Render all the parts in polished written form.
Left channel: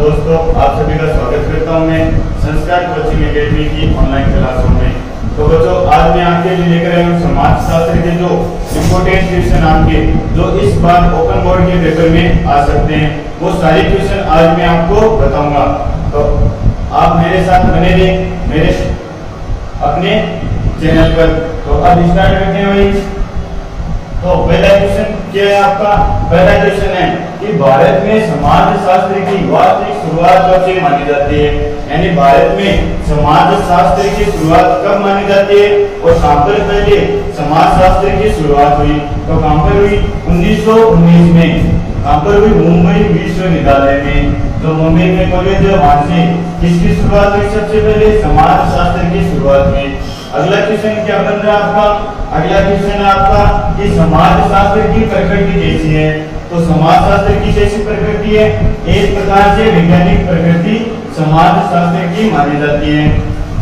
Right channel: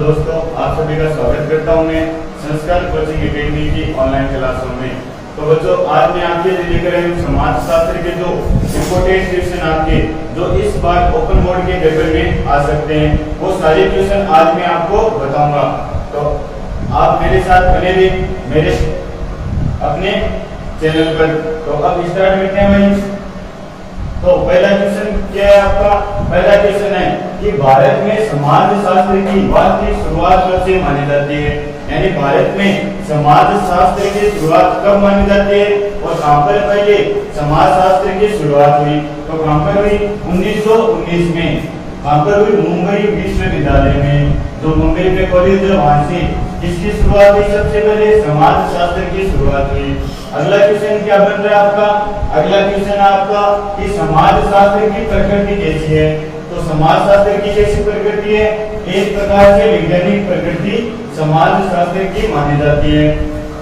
दोस्तों, आप सभी का स्वागत करता हूं मैं संस्कार कोचिंग एकेडमी की ऑनलाइन क्लासों में। तो बच्चों, आज मैं आपके लिए लेकर आया हूं समाज शास्त्र के जो इम्पोर्टेंट क्वेश्चन आपके जो इस बार ओपन बोर्ड के पेपर में आ सकते हैं, वो सारे क्वेश्चन आज मैं आपको बताऊंगा। तो आप मेरे साथ बने रहिए मेरे अपने चैनल पर। तो अब स्टार्ट करते हैं भाई। तो पहला क्वेश्चन क्या है आपका? पहला क्वेश्चन है कि भारत में समाज शास्त्र की वास्तविक शुरुआत कब से मानी जाती है? यानी भारत में समाज शास्त्र की शुरुआत कब मानी जाती है और कहां पर पहले समाज शास्त्र की शुरुआत हुई? तो कहां पर हुई? 1919 में। कहां पर हुई? मुंबई विश्वविद्यालय में, जो मुंबई में कॉलेज है वहां से किसकी शुरुआत हुई? सबसे पहले समाज शास्त्र की शुरुआत हुई। अगला क्वेश्चन क्या बन रहा है आपका? अगला क्वेश्चन आपका कि समाज शास्त्र की प्रकृति कैसी है? तो समाज शास्त्र की कैसी प्रकृति है? एक प्रकार से वैज्ञानिक प्रकृति समाज शास्त्र की मानी जाती है।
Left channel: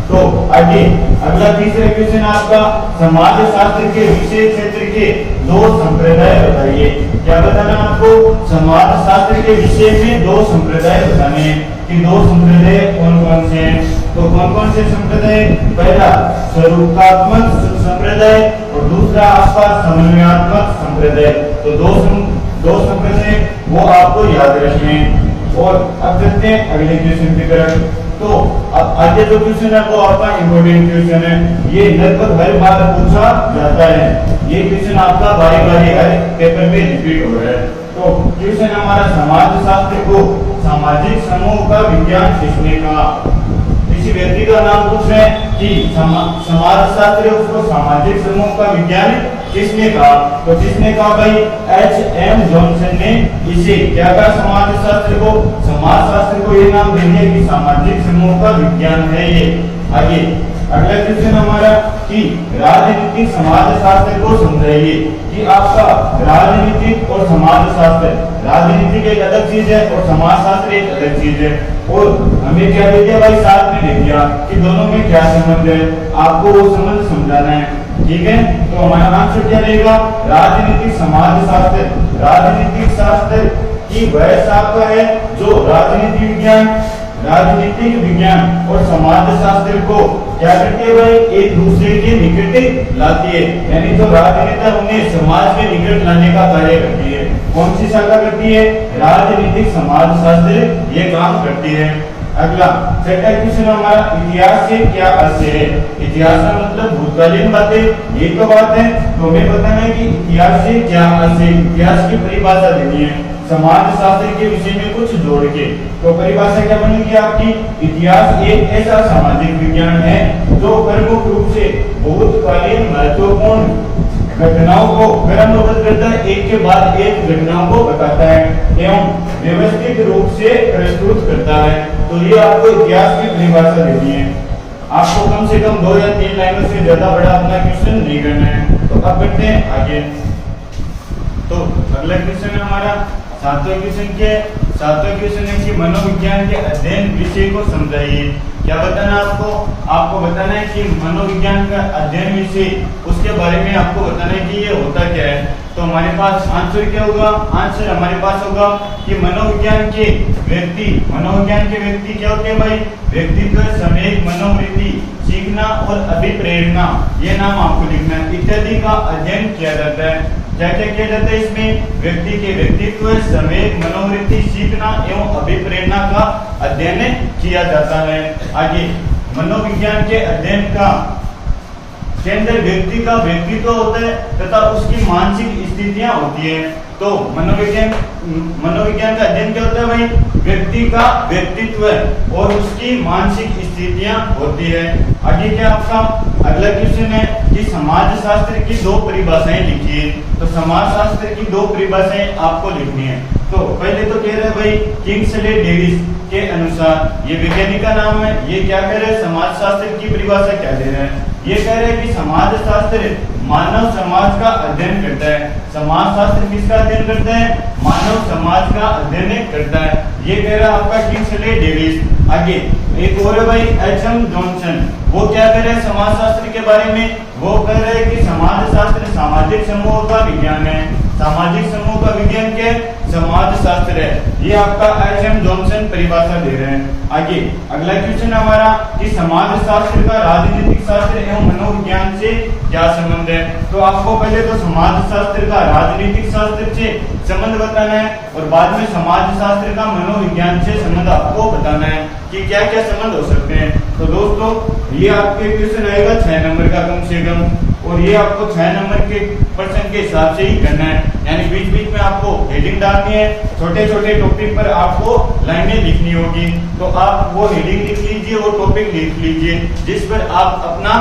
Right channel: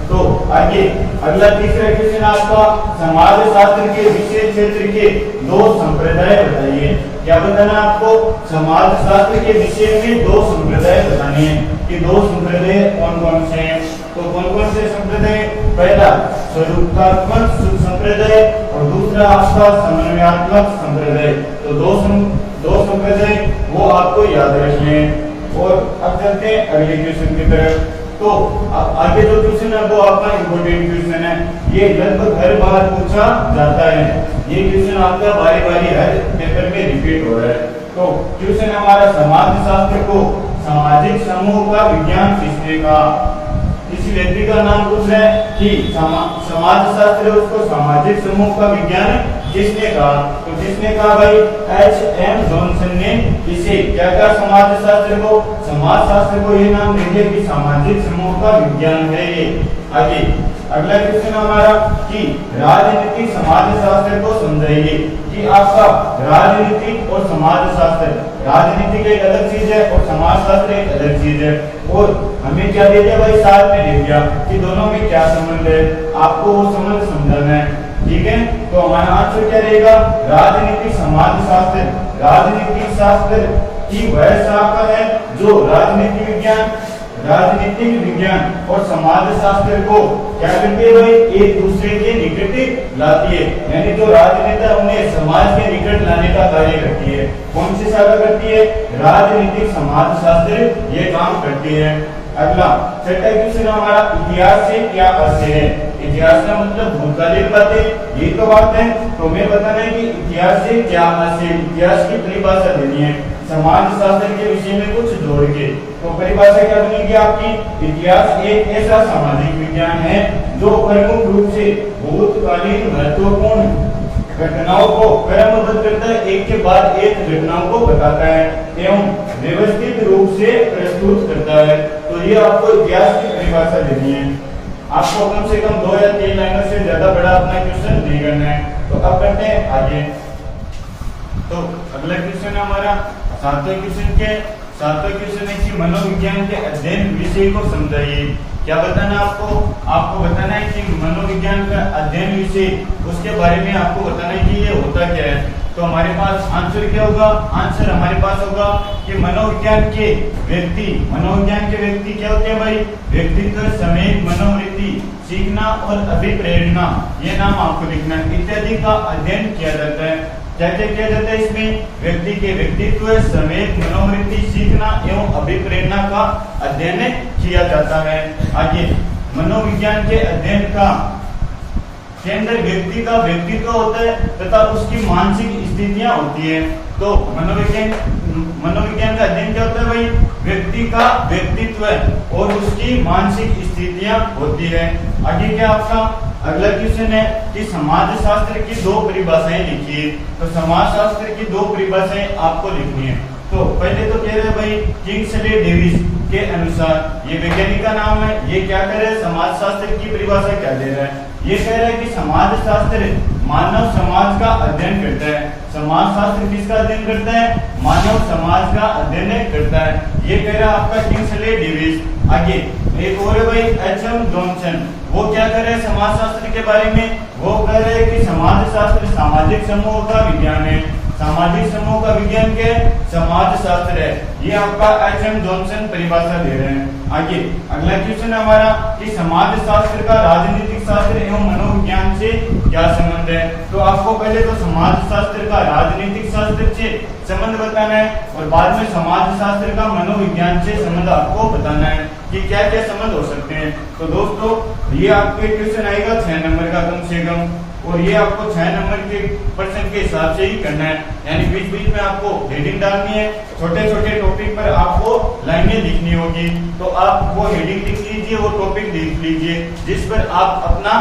तो आगे अगला तीसरा क्वेश्चन आपका, समाज शास्त्र के विषय क्षेत्र के दो संप्रदाय बताइए। क्या बताना आपको? समाज शास्त्र के विषय में दो संप्रदाय बताने हैं कि दो संप्रदाय कौन कौन से हैं। तो कौन कौन से संप्रदाय? पहला स्वरूपात्मक संप्रदाय और दूसरा आपका समन्वयात्मक संप्रदाय। तो दो संप्रदाय वो आपको याद रखने हैं। और अब चलते हैं अगले क्वेश्चन की तरफ। तो अब आगे जो क्वेश्चन है वो आपका इम्पोर्टेंट क्वेश्चन है, ये लगभग हर बार पूछा जाता है। ये क्वेश्चन आपका बारी बारी हर पेपर में रिपीट हो रहा है। तो क्वेश्चन हमारा, समाज शास्त्र को सामाजिक समूह का विज्ञान किसने कहा? किसी व्यक्ति का नाम पूछ रहे हैं कि समाज शास्त्र उसको सामाजिक समूह का विज्ञान किसने कहा? तो किसने कहा भाई? H.M. जॉनसन ने इसे क्या कहा? समाज शास्त्र को, समाज शास्त्र को ये नाम देंगे कि सामाजिक समूह का विज्ञान है ये। आगे अगला क्वेश्चन हमारा कि राजनीतिक समाज शास्त्र को समझाइए। कि आपका राजनीतिक और समाज शास्त्र, राजनीतिक एक अलग चीज है और समाज शास्त्र एक अलग चीज है। और हमें क्या देते हैं भाई? साथ में दे दिया कि दोनों में क्या संबंध है, आपको वो संबंध समझाना है। ठीक है, तो हमारा आंसर क्या रहेगा? राजनीतिक समाज शास्त्र। राजनीतिक शास्त्र की वह शाखा है जो राजनीति विज्ञान, राजनीतिक विज्ञान और समाज शास्त्र को क्या करती है भाई? एक दूसरे के निकट लाती है। यानी जो राजनेता उन्हें समाज के निकट लाने का कार्य करती है। कौन सी शाखा करती है? राजनीतिक समाज शास्त्र ये काम करती है। अगला छठा क्वेश्चन हमारा, इतिहास से क्या अर्थ है? इतिहास का मतलब भूतकालीन बातें, ये तो बात है। तो हमें बताना है कि इतिहास से क्या अर्थ है। इतिहास की परिभाषा देनी है समाज शास्त्र के विषय में कुछ जोड़ के। तो परिभाषा क्या बनेगी आपकी? इतिहास एक ऐसा सामाजिक विज्ञान है जो प्रमुख रूप से भूतकालीन महत्वपूर्ण घटनाओं को क्रमबद्ध करता है, एक के बाद एक घटनाओं को बताता है एवं व्यवस्थित रूप से प्रस्तुत करता है। तो ये आपको इतिहास की परिभाषा देनी है। आपको कम से कम 2 या 3 लाइनों से ज्यादा बड़ा अपना क्वेश्चन नहीं करना है। तो अब करते हैं आगे। तो अगला क्वेश्चन है हमारा सातवां क्वेश्चन क्या है? सातवां क्वेश्चन है कि मनोविज्ञान के अध्ययन विषय को समझाइए। क्या बताना आपको? आपको बताना है कि मनोविज्ञान का अध्ययन विषय, उसके बारे में आपको बताना है कि ये होता क्या है। तो हमारे पास आंसर क्या होगा? आंसर हमारे पास होगा कि मनोविज्ञान के व्यक्ति क्या होते हैं भाई? व्यक्तित्व, समय, मनोवृत्ति, सीखना और अभिप्रेरणा, ये नाम आपको लिखना है, इत्यादि का अध्ययन किया जाता है। क्या क्या किया जाता है इसमें? व्यक्ति के व्यक्तित्व, समय, मनोवृत्ति, सीखना एवं अभिप्रेरणा का अध्ययन किया जाता है। आगे मनोविज्ञान के अध्ययन का केंद्र व्यक्ति का व्यक्तित्व होता है तथा उसकी मानसिक स्थितियां होती है। तो मनोविज्ञान का अध्ययन क्या होता है भाई? व्यक्ति का व्यक्तित्व और उसकी मानसिक स्थितियां होती है। आगे क्या आपका अगला क्वेश्चन है कि समाज शास्त्र की 2 परिभाषाएं लिखिए। तो समाज शास्त्र की 2 परिभाषाएं आपको लिखनी है। तो पहले तो कह रहे भाई किंग्सले डेविस के अनुसार, ये वैज्ञानिक का नाम है, ये क्या कह रहे हैं? समाज शास्त्र की परिभाषा क्या दे रहे हैं? ये कह रहे हैं कि समाज शास्त्र मानव समाज का अध्ययन करता है। समाज शास्त्र किसका अध्ययन करता है? मानव समाज का अध्ययन करता है। ये कह रहा है आपका किंग्सले डेविस। आगे एक और है भाई H.M. जॉनसन, वो क्या कह रहे हैं समाज शास्त्र के बारे में? वो कह रहे हैं कि समाज शास्त्र सामाजिक समूह का विज्ञान है। सामाजिक समूह का विज्ञान क्या है? समाज शास्त्र है। ये आपका H.M. जॉनसन परिभाषा दे रहे हैं। आगे अगला क्वेश्चन हमारा कि समाज शास्त्र का राजनीतिक शास्त्र एवं मनोविज्ञान से क्या संबंध है? तो आपको पहले तो समाज शास्त्र का राजनीतिक शास्त्र से संबंध बताना है और बाद में समाज शास्त्र का मनोविज्ञान से संबंध आपको बताना है कि क्या क्या संबंध हो सकते हैं। तो दोस्तों ये आपके क्वेश्चन आएगा 6 नंबर का कम से कम, और ये आपको 6 नंबर के प्रश्न के हिसाब से ही करना है, यानी बीच बीच में आपको हेडिंग डालनी है, छोटे छोटे टॉपिक पर आपको लाइनें लिखनी होगी। तो आप वो हेडिंग लिख लीजिए, वो टॉपिक लिख लीजिए जिस पर आप अपना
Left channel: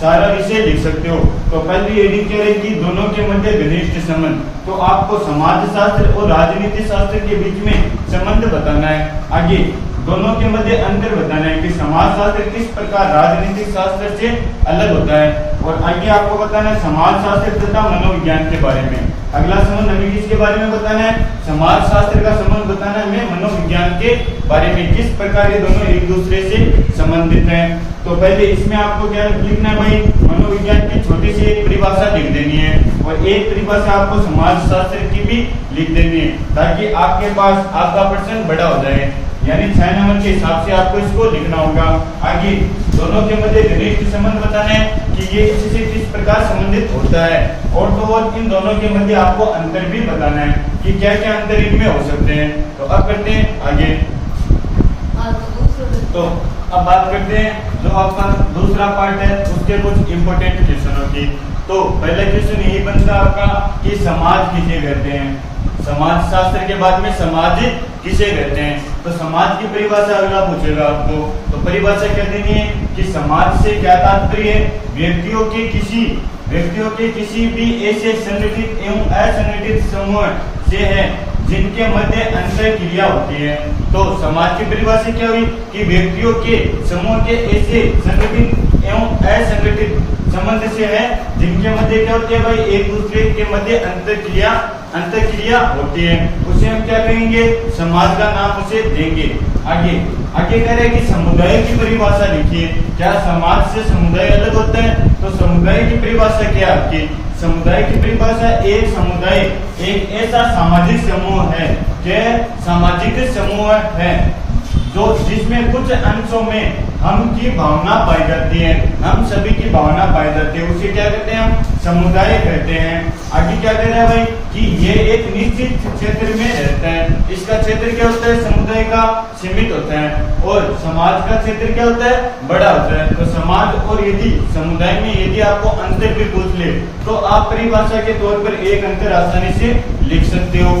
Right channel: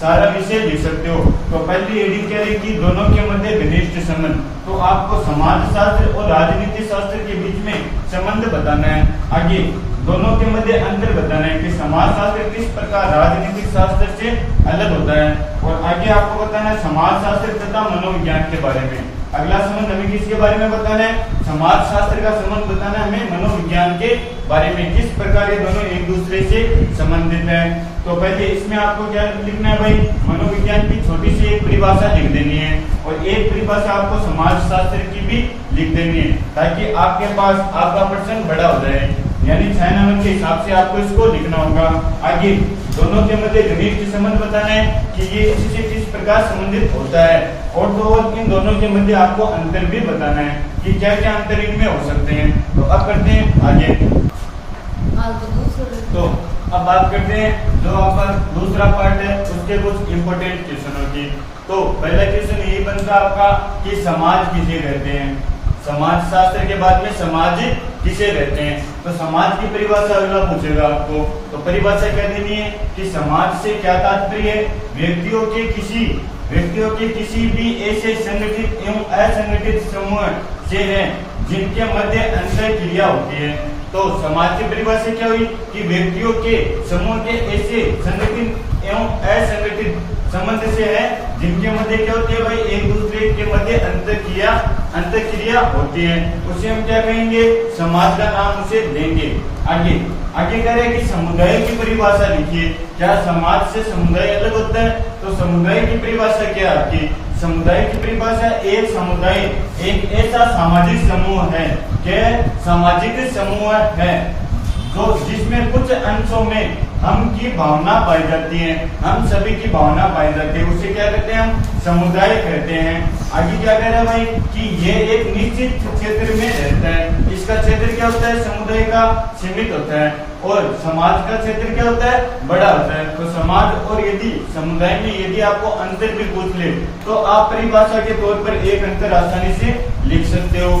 सारा विषय लिख सकते हो। तो पहली हेडिंग क्या रहेगी? दोनों के मध्य घनिष्ठ संबंध। तो आपको समाज शास्त्र और राजनीति शास्त्र के बीच में संबंध बताना है। आगे दोनों के मध्य अंतर बताना है कि समाज शास्त्र किस प्रकार राजनीतिक शास्त्र से अलग होता है, और आगे आपको बताना है समाज शास्त्र तथा मनोविज्ञान के बारे में। अगला संबंध हमें किसके बारे में बताना है? समाज शास्त्र का संबंध बताना है हमें मनोविज्ञान के बारे में, किस प्रकार ये दोनों एक दूसरे से संबंधित हैं। तो पहले इसमें आपको क्या लिखना है भाई? मनोविज्ञान की छोटी सी एक परिभाषा लिख देनी है और एक परिभाषा आपको समाज शास्त्र की भी लिख देनी है, ताकि आपके पास आपका प्रश्न बड़ा हो जाए, यानी 6 नंबर के हिसाब से आपको इसको लिखना होगा। आगे दोनों के मध्य घनिष्ठ संबंध बताना है कि ये इससे किस प्रकार संबंधित होता है, और तो और इन दोनों के मध्य आपको अंतर भी बताना है कि क्या क्या अंतर इनमें हो सकते हैं। तो अब करते हैं आगे। तो अब बात करते हैं जो आपका दूसरा पार्ट है उसके कुछ इंपॉर्टेंट क्वेश्चनों की। तो पहला क्वेश्चन यही बनता आपका कि समाज किसे कहते हैं? समाज शास्त्र के बाद में समाज किसे कहते हैं? तो समाज की परिभाषा अगला पूछेगा आपको, तो परिभाषा क्या देनी है कि समाज से क्या तात्पर्य है? व्यक्तियों के किसी भी ऐसे संगठित एवं असंगठित समूह से है जिनके मध्य अंतर क्रिया होती है। तो समाज की परिभाषा क्या हुई कि व्यक्तियों के समूह के ऐसे संगठित एवं असंगठित संबंध से है जिनके मध्य क्या होती है भाई? एक दूसरे के मध्य अंतर क्रिया होती है, उसे हम क्या कहेंगे? समाज का नाम उसे देंगे। आगे कह रहे हैं कि समुदाय की परिभाषा लिखिए। क्या समाज से समुदाय अलग होता है? तो समुदाय की परिभाषा क्या है आपकी? समुदाय की परिभाषा एक समुदाय एक ऐसा सामाजिक समूह है, क्या सामाजिक समूह है जो जिसमें कुछ अंशों में हम की भावना पाई जाती है, हम सभी की भावना पाई जाती है, उसे क्या कहते हैं? हम समुदाय कहते हैं। आगे क्या कह रहे हैं भाई कि ये एक निश्चित क्षेत्र में रहता है। इसका क्षेत्र क्या होता है? समुदाय का सीमित होता है, और समाज का क्षेत्र क्या होता है? बड़ा होता है। तो समाज और यदि समुदाय में यदि आपको अंतर भी पूछ ले तो आप परिभाषा के तौर पर एक अंतर आसानी से लिख सकते हो।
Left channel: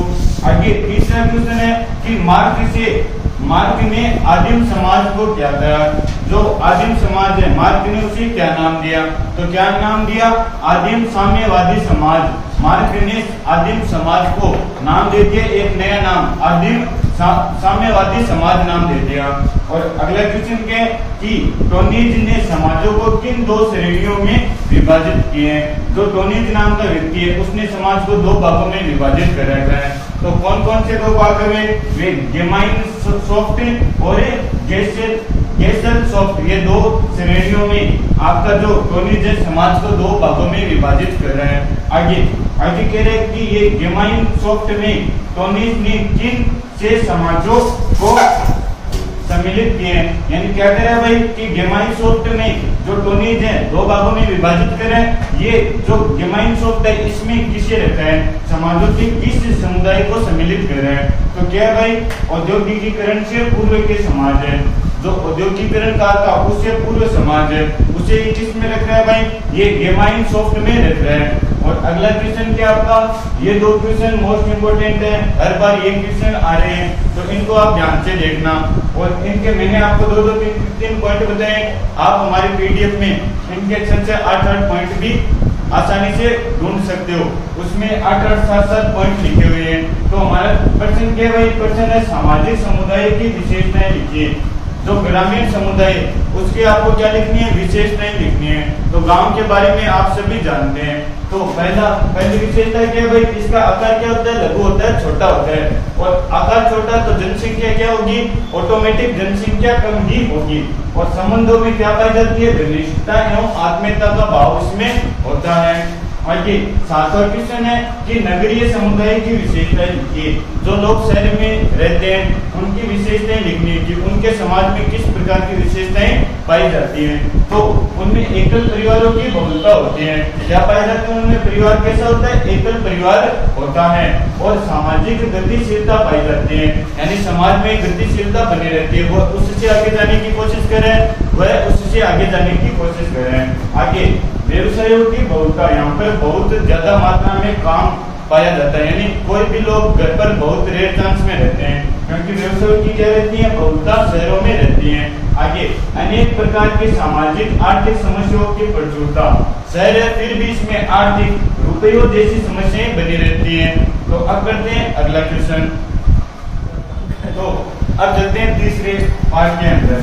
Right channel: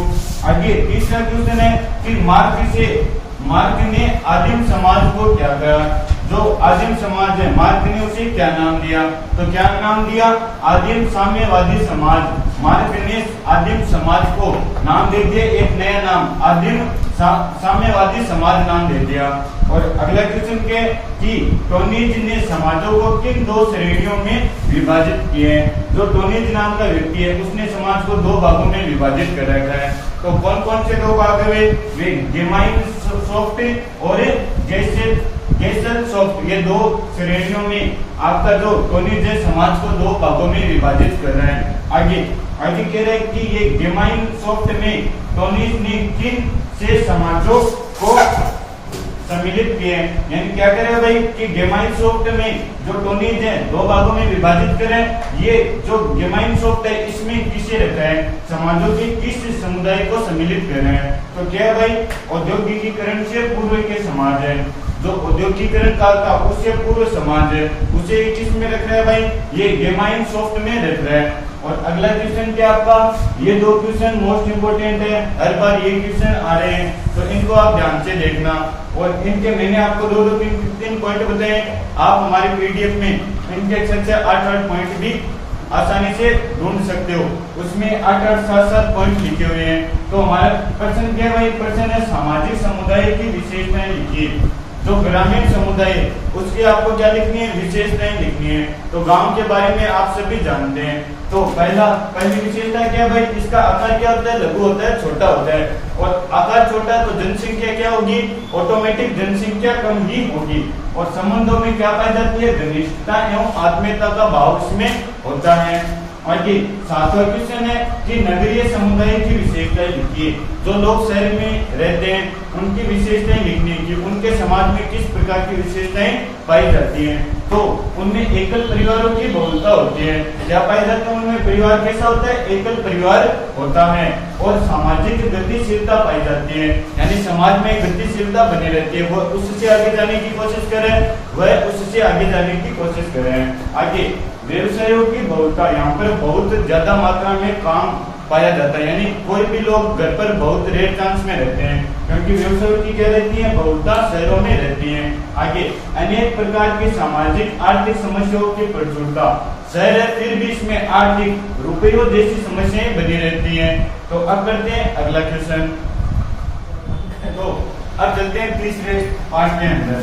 आगे तीसरा क्वेश्चन है कि मार्क्स ने आदिम समाज को क्या कहा? जो आदिम समाज है मार्क्स ने उसे क्या नाम दिया? तो क्या नाम दिया? आदिम साम्यवादी समाज। मार्क्स ने आदिम समाज को नाम दे दिया एक नया नाम, आदिम साम्यवादी समाज नाम दे दिया। और अगला क्वेश्चन क्या है कि टोनीज ने समाजों को किन 2 श्रेणियों में विभाजित किए हैं? जो टोनीज नाम का व्यक्ति है उसने समाज को 2 भागों में विभाजित कर रखा है। तो कौन कौन से 2 भाग है? वे गेमाइन सॉफ्ट और गेसल सॉफ्ट, ये 2 श्रेणियों में आपका जो टोनीज है समाज को 2 भागों में विभाजित कर रहे हैं। आगे कह रहे हैं कि ये गेमाइन सॉफ्ट में टोनीज ने किन से समाजों को सम्मिलित किए हैं? यानी क्या करें भाई कि गेमाइन सॉफ्ट में जो टोनीज है 2 भागों में विभाजित करें। ये जो गेमाइन सॉफ्ट है इसमें किसे रखा है? समाजों के किस समुदाय को सम्मिलित कर रहे हैं? तो क्या है भाई? औद्योगिकीकरण से पूर्व के समाज है, जो औद्योगिकीकरण काल था उससे पूर्व समाज है, उसे किस में रख रहा है भाई? ये गेमाइन सॉफ्ट में रख रहा है। और अगला क्वेश्चन क्या आपका? ये 2 क्वेश्चन मोस्ट इंपोर्टेंट है, हर बार ये क्वेश्चन आ रहे हैं, तो इनको आप ध्यान से देखना। और इनके मैंने आपको 2-3 पॉइंट बताए, आप हमारे पीडीएफ में इनके 6-8 पॉइंट भी आसानी से ढूंढ सकते हो, उसमें 8-8 7-7 पॉइंट लिखे हुए हैं। तो हमारा प्रश्न क्या है भाई? प्रश्न है सामाजिक समुदाय की विशेषताएं लिखिए। जो ग्रामीण समुदाय उसकी आपको क्या लिखनी है? विशेषताएं लिखनी है। तो गांव के बारे में आप सभी जानते हैं। तो पहली विशेषता क्या है भाई? इसका आकार क्या होता है? लघु होता है, छोटा होता है। और आकार छोटा तो जनसंख्या क्या होगी? ऑटोमेटिक जनसंख्या कम ही होगी। और संबंधों में क्या पाई जाती है? घनिष्ठता एवं आत्मीयता का भाव इसमें होता है। आगे सातवां क्वेश्चन है कि नगरीय समुदाय की विशेषताएं लिखिए। जो लोग शहर में रहते हैं उनकी विशेषताएं लिखनी है कि उनके समाज में किस प्रकार की विशेषताएं पाई जाती हैं। तो उनमें एकल परिवारों की बहुलता होती है। क्या पाया जाता है उनमें? परिवार कैसा होता है? एकल परिवार होता है। और सामाजिक गतिशीलता पाई जाती है, यानी समाज में गतिशीलता बनी रहती है। वो उससे आगे जाने की कोशिश करें, वह उससे आगे जाने की कोशिश करें। आगे व्यवसायों की बहुलता, यहाँ पर बहुत ज्यादा मात्रा में काम पाया जाता है, यानी कोई भी लोग घर पर बहुत रेयर चांस में रहते हैं, क्योंकि व्यवसायों की क्या रहती है? बहुलता शहरों में रहती है। आगे अनेक प्रकार की सामाजिक आर्थिक समस्याओं की प्रचुरता, शहर है फिर भी इसमें आर्थिक रुपयों जैसी समस्याएं बनी रहती हैं। तो अब करते हैं अगला क्वेश्चन। तो अब चलते हैं तीसरे पार्ट के अंदर।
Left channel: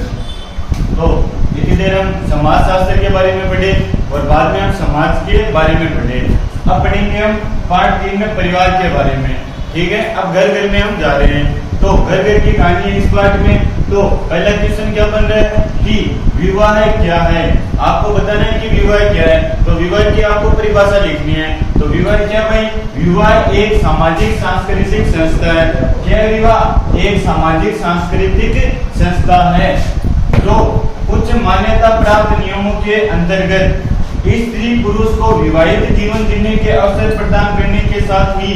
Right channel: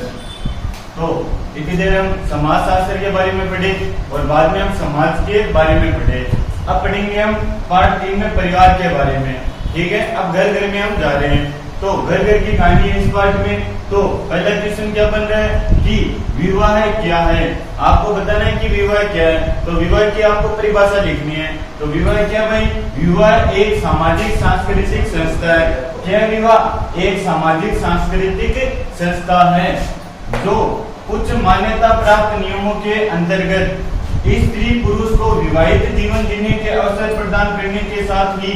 तो इतनी देर हम समाज शास्त्र के बारे में पढ़े और बाद में हम समाज के बारे में पढ़े। अब पढ़ेंगे हम पार्ट 3 में परिवार के बारे में। ठीक है, अब घर घर में हम जा रहे हैं। तो घर घर की कहानी है इस पार्ट में। तो पहला क्वेश्चन क्या बन रहा है कि विवाह क्या है? आपको बताना है कि विवाह क्या है। तो विवाह की आपको परिभाषा लिखनी है। तो विवाह क्या भाई? विवाह एक सामाजिक सांस्कृतिक संस्था है। क्या विवाह? एक सामाजिक सांस्कृतिक संस्था है जो उच्च मान्यता प्राप्त नियमों के अंतर्गत स्त्री पुरुष को विवाहित जीवन जीने के अवसर प्रदान करने के साथ ही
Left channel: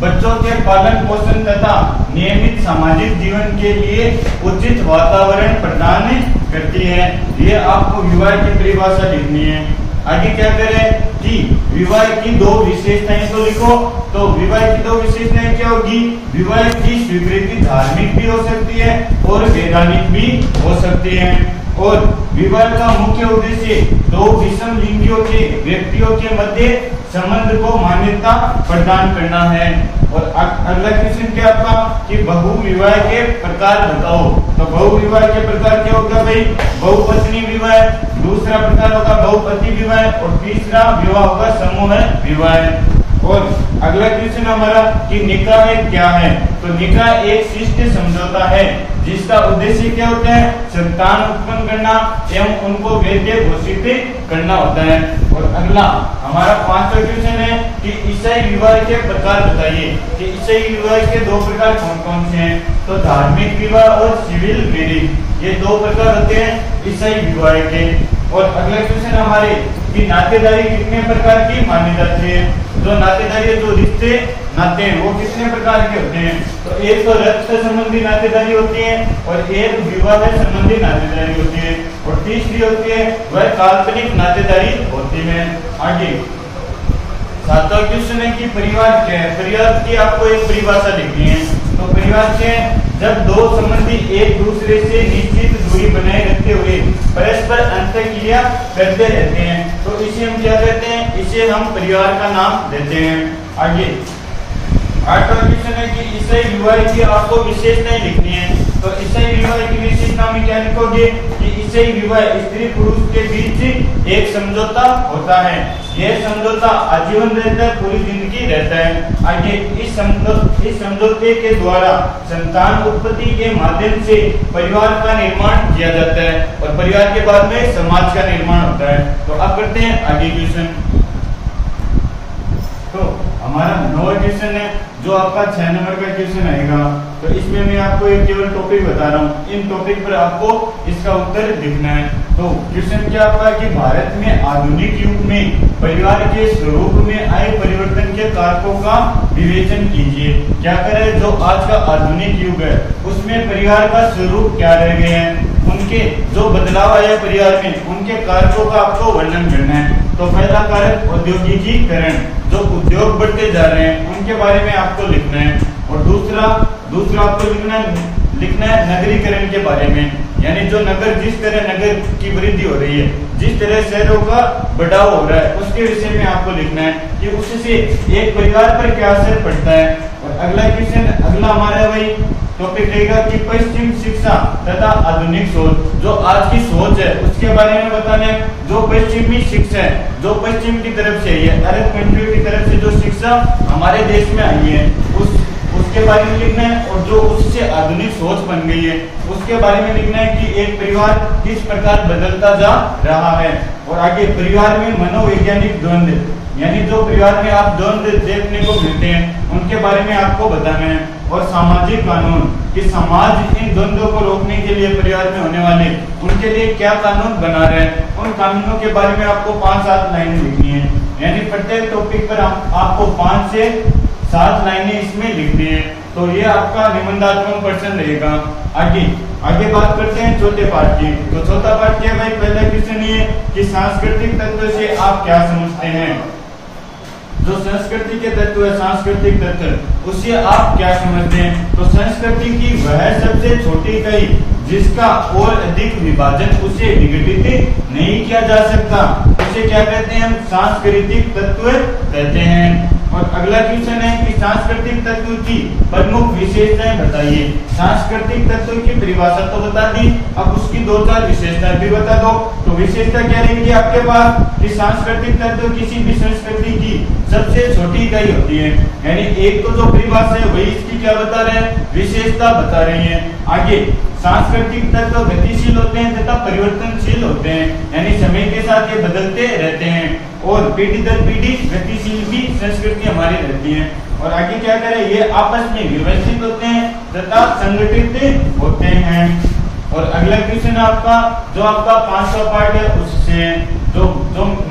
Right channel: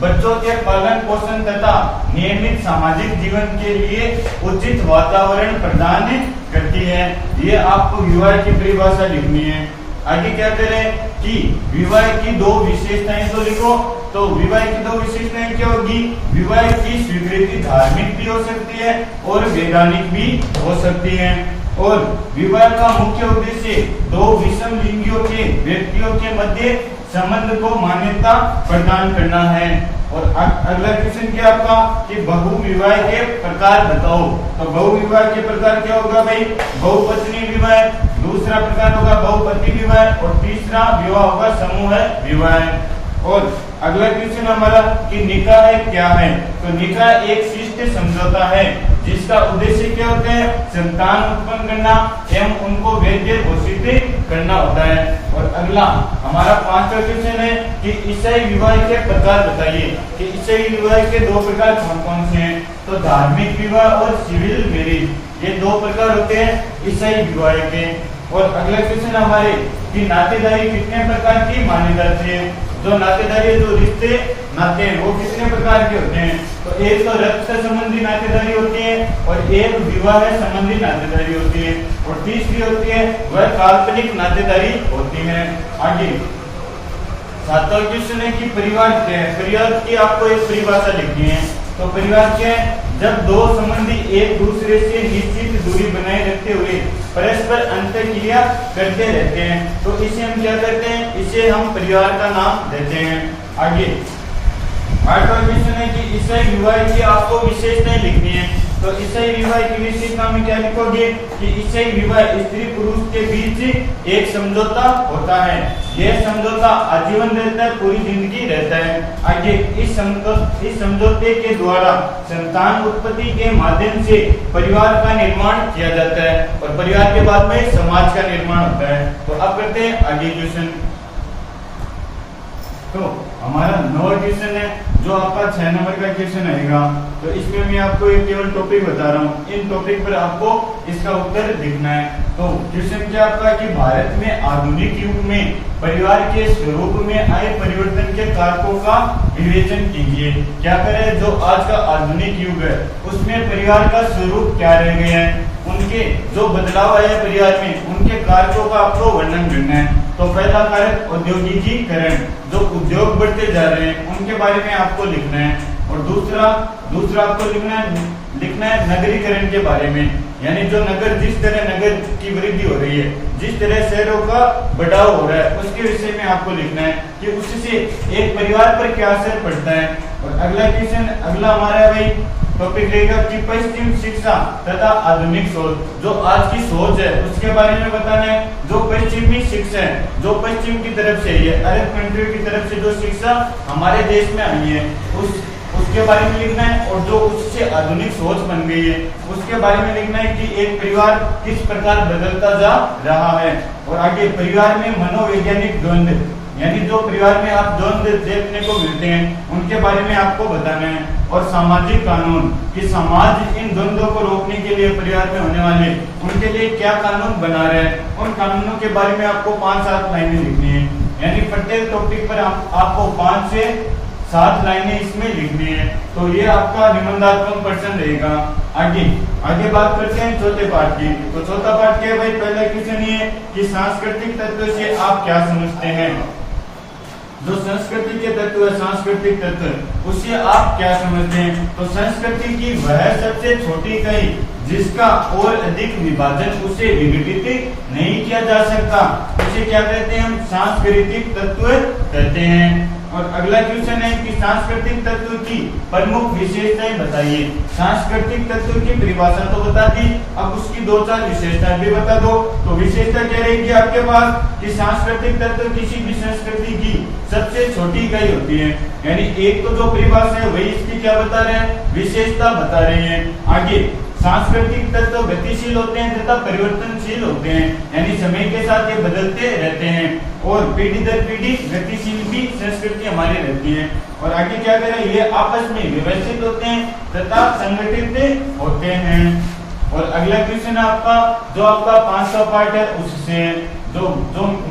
बच्चों के पालन पोषण तथा नियमित सामाजिक जीवन के लिए उचित वातावरण प्रदान करती है। ये आपको विवाह की परिभाषा लिखनी है। आगे क्या करें कि विवाह की दो विशेषताएं तो लिखो। तो विवाह की दो विशेषताएं क्या होगी? विवाह की स्वीकृति धार्मिक भी हो सकती है और वैधानिक भी हो सकती है। और विवाह का मुख्य उद्देश्य दो विषम लिंगियों के व्यक्तियों के मध्य संबंध को मान्यता प्रदान करना है। और अगला क्वेश्चन क्या आपका कि बहु विवाह के प्रकार बताओ। तो बहु विवाह के प्रकार क्या होगा भाई? बहुपत्नी विवाह, दूसरा प्रकार होगा बहुपति विवाह और तीसरा विवाह होगा समूह विवाह। और अगला क्वेश्चन हमारा कि निकाह क्या है? तो निकाह एक शिष्ट समझौता है जिसका उद्देश्य क्या होता है? संतान उत्पन्न करना एवं उनको वैध घोषित करना होता है। और अगला हमारा पांचवा क्वेश्चन है कि ईसाई विवाह के प्रकार बताइए कि ईसाई विवाह के दो प्रकार कौन कौन से हैं। तो धार्मिक विवाह और सिविल मैरिज, ये दो प्रकार होते हैं ईसाई विवाह के। और अगला क्वेश्चन हमारे कि नातेदारी कितने प्रकार की मानी जाती है। जो नातेदारी जो रिश्ते नाते हैं वो कितने प्रकार के होते हैं। तो एक तो रक्त संबंधी नातेदारी होती है और एक विवाह संबंधी नातेदारी होती है और तीसरी होती है वह काल्पनिक नातेदारी होती है। आगे सातवां क्वेश्चन है कि परिवार क्या है? परिवार की आपको एक परिभाषा लिखनी है। तो परिवार क्या है? जब दो संबंधी एक दूसरे से निश्चित दूरी बनाए रखते हुए परस्पर अंतःक्रिया करते रहते हैं तो इसे हम क्या कहते हैं? इसे हम परिवार का नाम देते हैं। आगे आठवां क्वेश्चन है कि ईसाई विवाह की आपको विशेषताएं लिखनी है। तो ईसाई विवाह की विशेषता में क्या लिखोगे कि ईसाई विवाह स्त्री पुरुष के बीच एक समझौता होता है। यह समझौता आजीवन रहता है, पूरी जिंदगी रहता है। आगे इस समझौते के द्वारा संतान उत्पत्ति के माध्यम से परिवार का निर्माण किया जाता है और परिवार के बाद में समाज का निर्माण होता है। तो अब करते हैं आगे क्वेश्चन। तो हमारा 9वां क्वेश्चन है जो आपका 6 नंबर का क्वेश्चन आएगा। तो इसमें मैं आपको एक केवल टॉपिक बता रहा हूँ, इन टॉपिक पर आपको इसका उत्तर लिखना है। तो क्वेश्चन क्या आपका कि भारत में आधुनिक युग में परिवार के स्वरूप में आए परिवर्तन के कारकों का विवेचन कीजिए। क्या करें? जो आज का आधुनिक युग है उसमें परिवार का स्वरूप क्या रह गए हैं, उनके जो बदलाव आया परिवार में उनके कारकों का आपको वर्णन करना है। तो पहला कारक औद्योगिकीकरण, जो उद्योग बढ़ते जा रहे हैं उनके बारे में आपको लिखना है। और दूसरा आपको लिखना है नगरीकरण के बारे में, यानी जो नगर जिस तरह नगर की वृद्धि हो रही है, जिस तरह शहरों का बढ़ाव हो रहा है उसके विषय में आपको लिखना है कि उससे एक परिवार पर क्या असर पड़ता है। और अगला क्वेश्चन अगला हमारा भाई टॉपिक रहेगा कि पश्चिम शिक्षा तथा आधुनिक सोच, जो आज की सोच है उसके बारे में बताना है। जो पश्चिमी शिक्षा है, जो पश्चिम की तरफ से है, अरब कंट्री की तरफ से जो शिक्षा हमारे देश में आई है उसके बारे में लिखना है। और जो उससे आधुनिक सोच बन गई है उसके बारे में लिखना है कि एक परिवार किस प्रकार बदलता जा रहा है। और आगे परिवार में मनोवैज्ञानिक द्वंद्व, यानी जो परिवार में आप द्वंद्व देखने को मिलते हैं उनके बारे में आपको बताना है। और सामाजिक कानून कि समाज इन द्वंद्वों को रोकने के लिए परिवार में होने वाले उनके लिए क्या कानून बना रहे हैं, उन कानूनों के बारे में आपको 5-7 लाइनें लिखनी है। यानी प्रत्येक टॉपिक पर आपको 5 से 7 लाइनें इसमें लिखनी है। तो ये आपका निबंधात्मक प्रश्न रहेगा। आगे बात करते हैं चौथे पाठ की। तो चौथा पाठ क्या है भाई? पहला क्वेश्चन ये कि सांस्कृतिक तत्व से आप क्या समझते हैं। जो संस्कृति के तत्व है, सांस्कृतिक तत्व, उससे आप क्या समझते हैं? तो संस्कृति की वह सबसे छोटी इकाई जिसका और अधिक विभाजन उसे विघटित नहीं किया जा सकता, उसे क्या कहते हैं? हम सांस्कृतिक तत्व कहते हैं। और अगला क्वेश्चन है कि सांस्कृतिक तत्व की प्रमुख विशेषताएं बताइए। सांस्कृतिक तत्व की परिभाषा तो बता दी, अब उसकी 2-4 विशेषताएं भी बता दो। तो विशेषता क्या रहेगी आपके पास कि सांस्कृतिक तत्व किसी भी संस्कृति की सबसे छोटी इकाई होती है। यानी एक तो जो परिभाषा है वही इसकी क्या बता रहे हैं? विशेषता बता रही है। आगे सांस्कृतिक तत्व गतिशील होते हैं तथा परिवर्तनशील होते हैं, यानी समय के साथ ये बदलते रहते हैं और पीढ़ी दर पीढ़ी गतिशील भी संस्कृति हमारी रहती है। और आगे क्या करें? ये आपस में व्यवस्थित होते हैं तथा संगठित होते हैं। और अगला क्वेश्चन आपका जो आपका 5वां पार्ट है उससे जो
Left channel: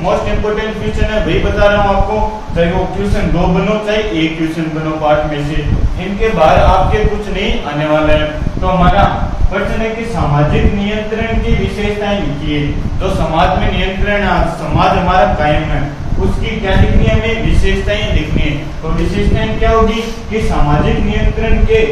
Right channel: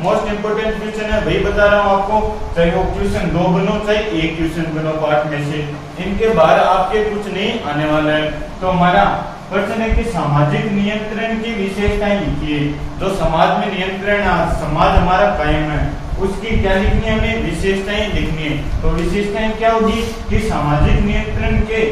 मोस्ट इंपोर्टेंट क्वेश्चन है वही बता रहा हूँ आपको, चाहे वो क्वेश्चन 2 बनो चाहे 1 क्वेश्चन बनो पार्ट में से, इनके बाहर आपके कुछ नहीं आने वाला है। तो हमारा प्रश्न है कि सामाजिक नियंत्रण की विशेषताएं लिखिए। जो समाज में नियंत्रण, समाज हमारा कायम है, उसकी क्या लिखनी है? हमें विशेषताएं लिखनी है। तो विशेषताएं क्या होगी कि सामाजिक नियंत्रण के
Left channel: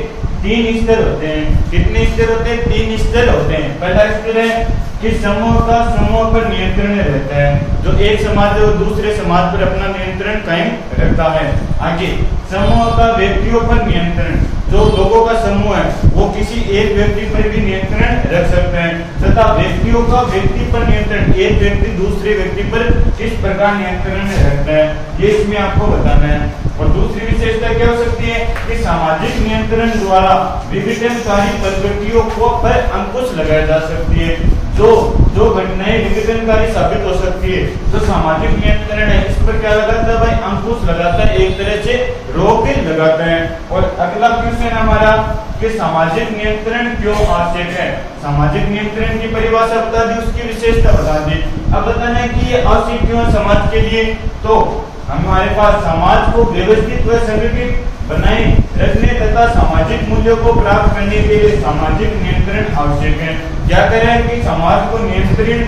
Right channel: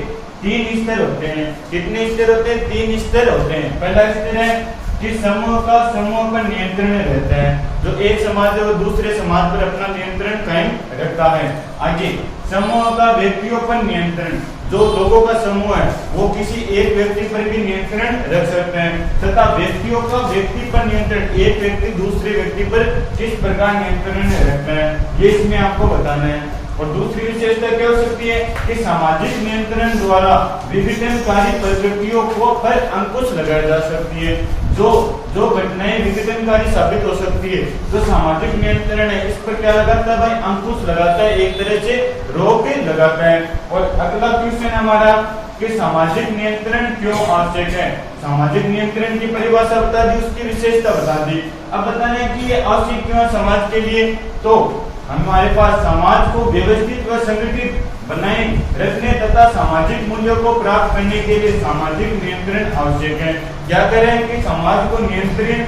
3 स्तर होते हैं। कितने स्तर होते हैं? 3 स्तर होते हैं। पहला स्तर है कि समूह का समूह पर नियंत्रण रहता है। जो एक समाज है वो दूसरे समाज पर अपना नियंत्रण कायम रखता है। आगे समूह का व्यक्तियों पर नियंत्रण, जो लोगों का समूह है वो किसी एक व्यक्ति पर भी नियंत्रण रख सकते हैं। तथा व्यक्तियों का व्यक्ति पर नियंत्रण, एक व्यक्ति दूसरे व्यक्ति पर किस प्रकार नियंत्रण रखता है, ये इसमें आपको बताना है। और दूसरी विशेषता क्या हो सकती है कि सामाजिक नियंत्रण द्वारा विघटनकारी प्रवृत्तियों को पर अंकुश लगाया जा सकती है। जो घटनाएं विघटनकारी साबित हो सकती है, जो सामाजिक नियंत्रण है इस पर क्या लगाता है भाई? अंकुश लगाता है, एक तरह से रोक लगाता है। और अगला क्वेश्चन हमारा कि सामाजिक नियंत्रण क्यों आवश्यक है। सामाजिक नियंत्रण की परिभाषा बता दी, उसकी विशेषता बता दी। अब बताना है कि ये आवश्यक क्यों है समाज के लिए। तो हमारे पास समाज को व्यवस्थित व संगठित बनाए रखने तथा सामाजिक मूल्यों को प्राप्त करने के लिए सामाजिक नियंत्रण आवश्यक है। क्या करें कि समाज को नियंत्रण,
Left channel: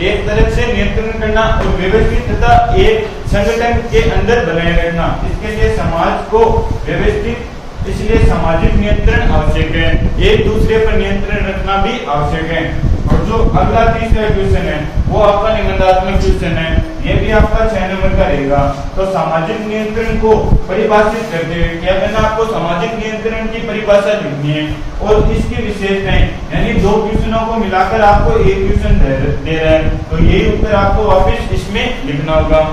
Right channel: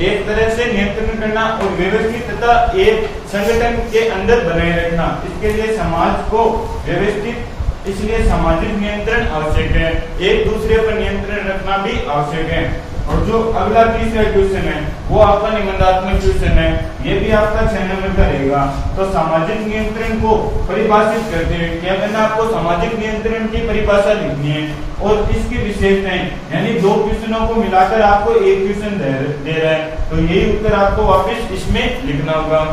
एक तरह से नियंत्रण करना और व्यवस्थित तथा एक संगठन के अंदर बनाए रखना, इसके लिए समाज को व्यवस्थित, इसलिए सामाजिक नियंत्रण आवश्यक है। एक दूसरे पर नियंत्रण रखना भी आवश्यक है। और जो अगला तीसरा क्वेश्चन है वो आपका निबंधात्मक क्वेश्चन है, ये भी आपका 6 नंबर का रहेगा। तो सामाजिक नियंत्रण को परिभाषित करते हुए क्या करना? आपको सामाजिक नियंत्रण की परिभाषा लिखनी है और इसकी विशेषताएं, यानी 2 क्वेश्चनों को मिलाकर आपको 1 क्वेश्चन दे रहा है, तो यही उत्तर आपको वापस इसमें लिखना होगा।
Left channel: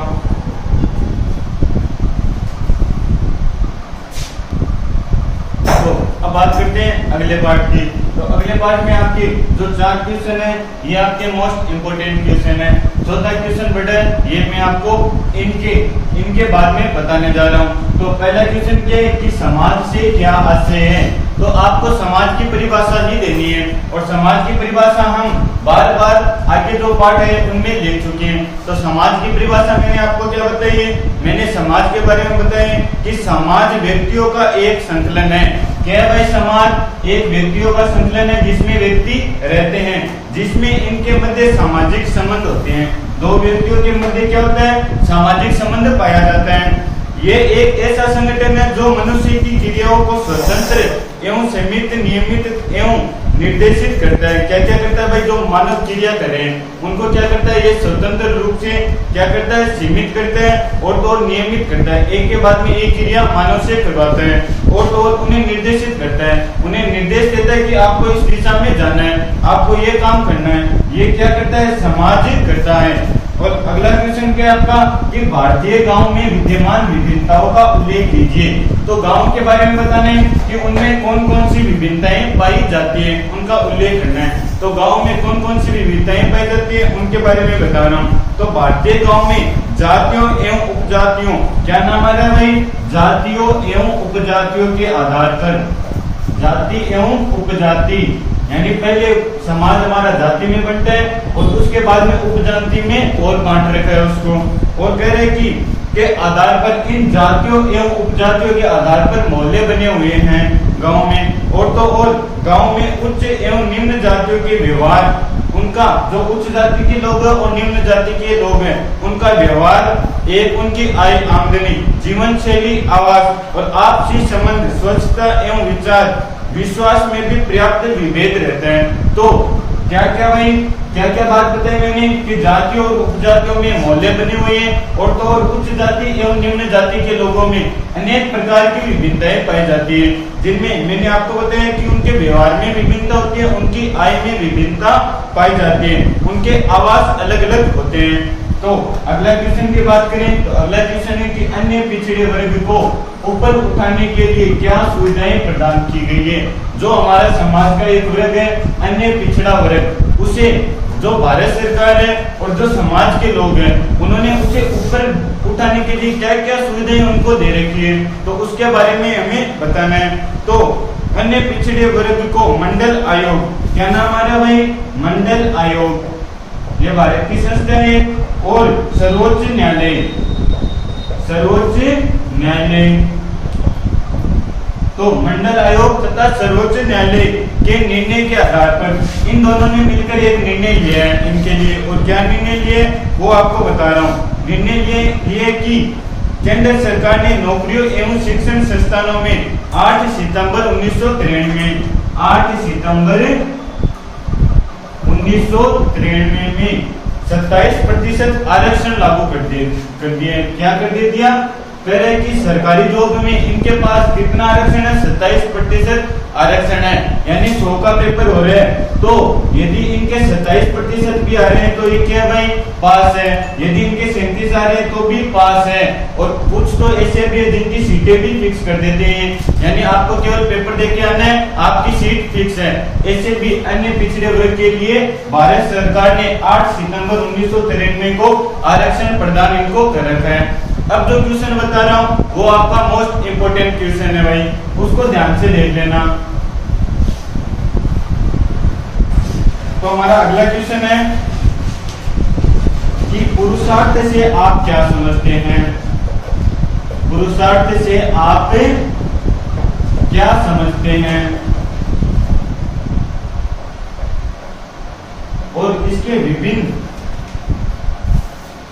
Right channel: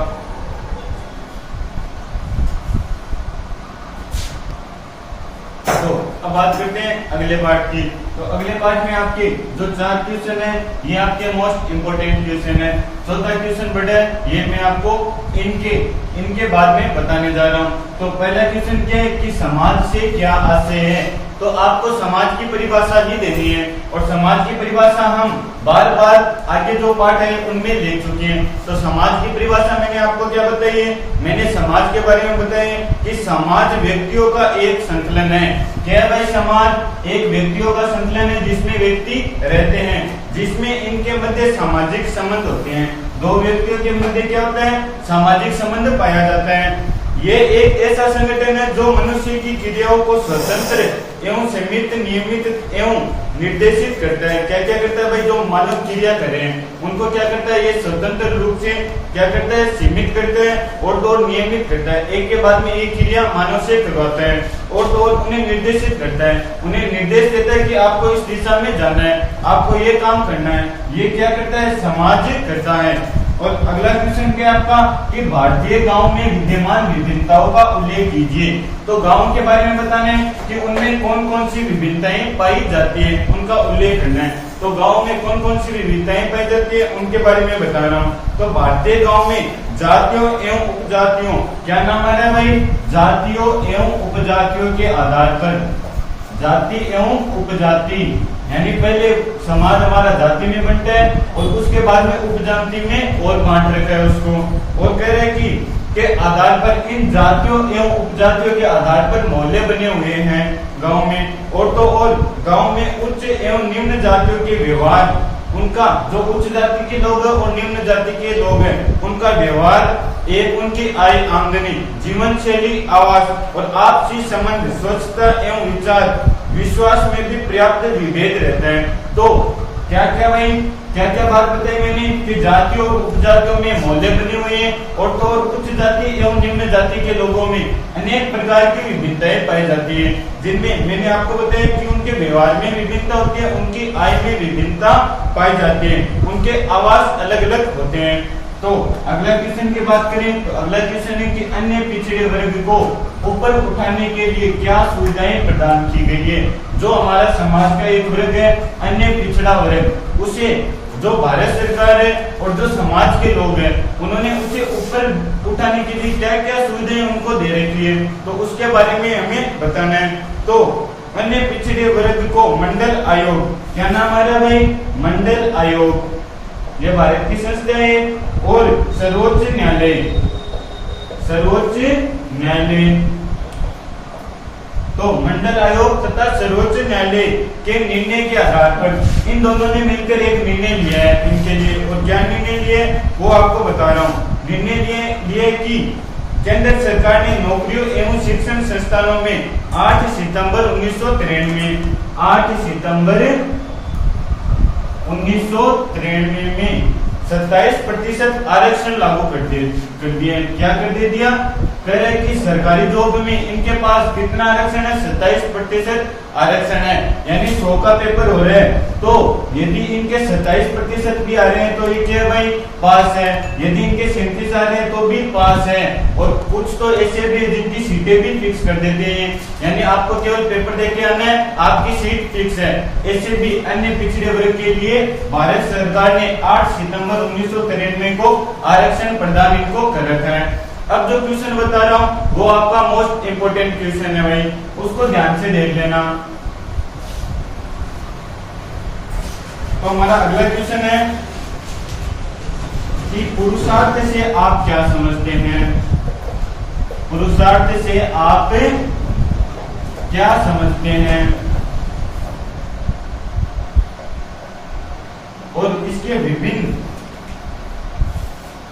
तो अब बात करते हैं अगले पार्ट की। तो अगले पार्ट में आपके जो 4 क्वेश्चन है ये आपके मोस्ट इंपोर्टेंट क्वेश्चन है। चौथा क्वेश्चन बड़ा है, ये मैं आपको इनके बाद में बताने जा रहा हूँ। तो पहला क्वेश्चन क्या है कि समाज से क्या आशय है। तो आपको समाज की परिभाषा ही देनी है और समाज की परिभाषा हम बार बार आगे जो पार्ट है उनमें देख चुके हैं। तो समाज की परिभाषा मैंने आपको क्या बताई है? मैंने समाज के बारे में बताया कि समाज व्यक्तियों का एक संकलन है। क्या भाई? समाज एक व्यक्तियों का संकलन है जिसमें व्यक्ति रहते हैं, जिसमें इनके मध्य सामाजिक संबंध होते हैं। 2 व्यक्तियों के मध्य क्या होता है? सामाजिक संबंध पाया जाता है। ये एक ऐसा संगठन है जो मनुष्य की क्रियाओं को स्वतंत्र एवं सीमित, नियमित एवं निर्देशित करता है। क्या क्या करता है भाई? जो मानव क्रिया करें उनको क्या करता है? ये स्वतंत्र रूप से क्या करता है? सीमित करता है और तो नियमित करता है। एक के बाद में एक क्रिया मानव से करवाता है और तो उन्हें निर्देशित करता है, उन्हें निर्देश देता है कि आपको इस दिशा में जाना है, आपको ये काम करना है। ये क्या करता है? समाज करता है। और अगला क्वेश्चन क्या है आपका कि भारतीय गांव में विद्यमान विभिन्नताओं का उल्लेख कीजिए। तो गांव के बारे में बताना है कि उनमें कौन कौन सी विभिन्नताएं पाई जाती है, उनका उल्लेख करना है। तो गांव में कौन कौन सी विविधताएं पाई जाती है उनके बारे में बता रहा हूँ। तो भारतीय गांव में जातियों एवं उपजातियों, क्या नाम आ रहा है भाई, जातियों एवं उपजातियों के आधार पर, जाति एवं उपजाति, यानी पहले समाज हमारा जाति में बनता है और उसके बाद में उपजाति में और बांट रखा है उसको। और कह रहे कि के आधार पर इन जातियों एवं उपजातियों के आधार पर मोहल्ले बने हुए हैं गांव में। और तो और गांव में उच्च एवं निम्न जातियों के व्यवहार, उनका जो उच्च जाति के लोग हैं और निम्न जाति के लोग हैं उनका व्यवहार, एक उनकी आय आमदनी, जीवन शैली, आवास और आपसी संबंध, स्वच्छता एवं विचार विश्वास में भी पर्याप्त विभेद रहते हैं। तो क्या क्या भाई, क्या क्या बात बताई मैंने कि जातियों और उपजातियों में मोहल्ले बने हुए हैं और तो और उच्च जाति एवं निम्न जाति के लोगों में अनेक प्रकार की विभिन्नताएं पाई जाती है, जिनमें मैंने आपको बताया कि उनके व्यवहार में विभिन्नता होती है, उनकी आय में विभिन्नता पाई जाती है, उनके आवास अलग अलग होते हैं। तो अगला क्वेश्चन की बात करें तो अगला क्वेश्चन है कि अन्य पिछड़े वर्ग को ऊपर उठाने के लिए क्या सुविधाएं प्रदान की गई है। जो हमारा समाज का एक वर्ग है अन्य पिछड़ा वर्ग, उसे जो भारत सरकार है और जो समाज के लोग हैं उन्होंने उसे ऊपर उठाने के लिए क्या क्या सुविधाएं उनको दे रखी है, तो उसके बारे में हमें बताना है। तो अन्य पिछड़े वर्ग को मंडल आयोग, क्या नाम आ रहा है भाई, मंडल आयोग, ये भारत की संस्था है। और सर्वोच्च न्यायालय, सर्वोच्च न्यायालय, तो मंडल आयोग तथा सर्वोच्च न्यायालय के निर्णय के आधार पर इन दोनों ने मिलकर एक निर्णय लिया है इनके लिए। और क्या निर्णय लिए वो आपको बता रहा हूँ। निर्णय लिए कि केंद्र सरकार ने नौकरियों एवं शिक्षण संस्थानों में 8 सितंबर 1993 8 सितंबर 1993 में 27% आरक्षण लागू कर दिए। क्या कर दे दिया, कह रहे कि सरकारी जॉब में इनके पास कितना आरक्षण है, 27% आरक्षण है, यानी 100 का पेपर हो रहा है तो यदि इनके 27% भी आ रहे हैं तो ये क्या है भाई, पास है। यदि इनके 37 आ रहे हैं तो भी पास है। और कुछ तो ऐसे भी जिनकी सीटें भी फिक्स कर देते हैं, यानी आपको केवल पेपर देके आना है, आपकी सीट फिक्स है। ऐसे भी अन्य पिछड़े वर्ग के लिए भारत सरकार ने 8 सितंबर 1993 को आरक्षण प्रदान इनको कर रखा है। अब जो क्वेश्चन बता रहा हूं वो आपका मोस्ट इंपोर्टेंट क्वेश्चन है भाई, उसको ध्यान से देख लेना। तो हमारा अगला क्वेश्चन है कि पुरुषार्थ से आप क्या समझते हैं, पुरुषार्थ से आप क्या समझते हैं और इसके विभिन्न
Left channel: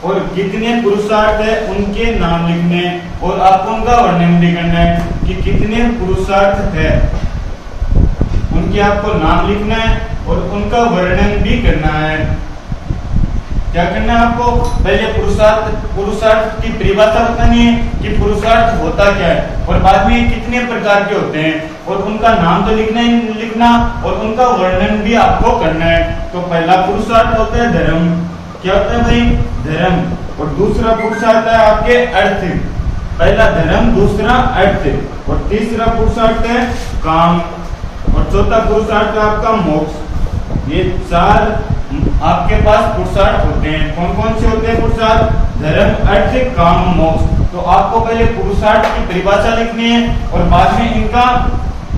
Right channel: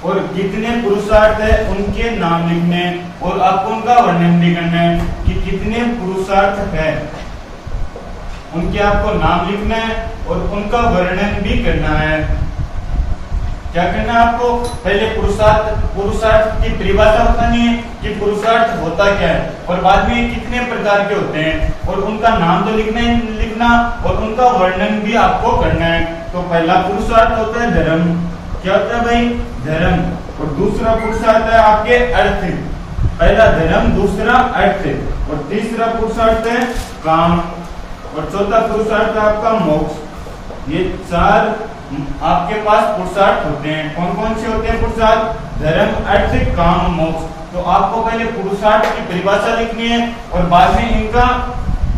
और कितने पुरुषार्थ है उनके नाम लिखने और आपको उनका वर्णन भी करना है कि कितने पुरुषार्थ है, उनके आपको नाम लिखना है और उनका वर्णन भी करना है। क्या करना है आपको, पहले पुरुषार्थ की परिभाषा बतानी है कि पुरुषार्थ होता क्या है और बाद में कितने प्रकार के होते हैं और उनका नाम तो लिखना और उनका वर्णन भी आपको करना है। तो पहला पुरुषार्थ होता है धर्म, क्या होता है भाई, धर्म। और दूसरा पुरुषार्थ है आपके अर्थ, पहला धर्म दूसरा अर्थ, और तीसरा पुरुषार्थ है काम, और चौथा पुरुषार्थ है आपका मोक्ष। ये 4 आपके पास पुरुषार्थ होते हैं। कौन कौन से होते हैं पुरुषार्थ, धर्म, अर्थ, काम, मोक्ष। तो आपको पहले पुरुषार्थ की परिभाषा लिखनी है और बाद में इनका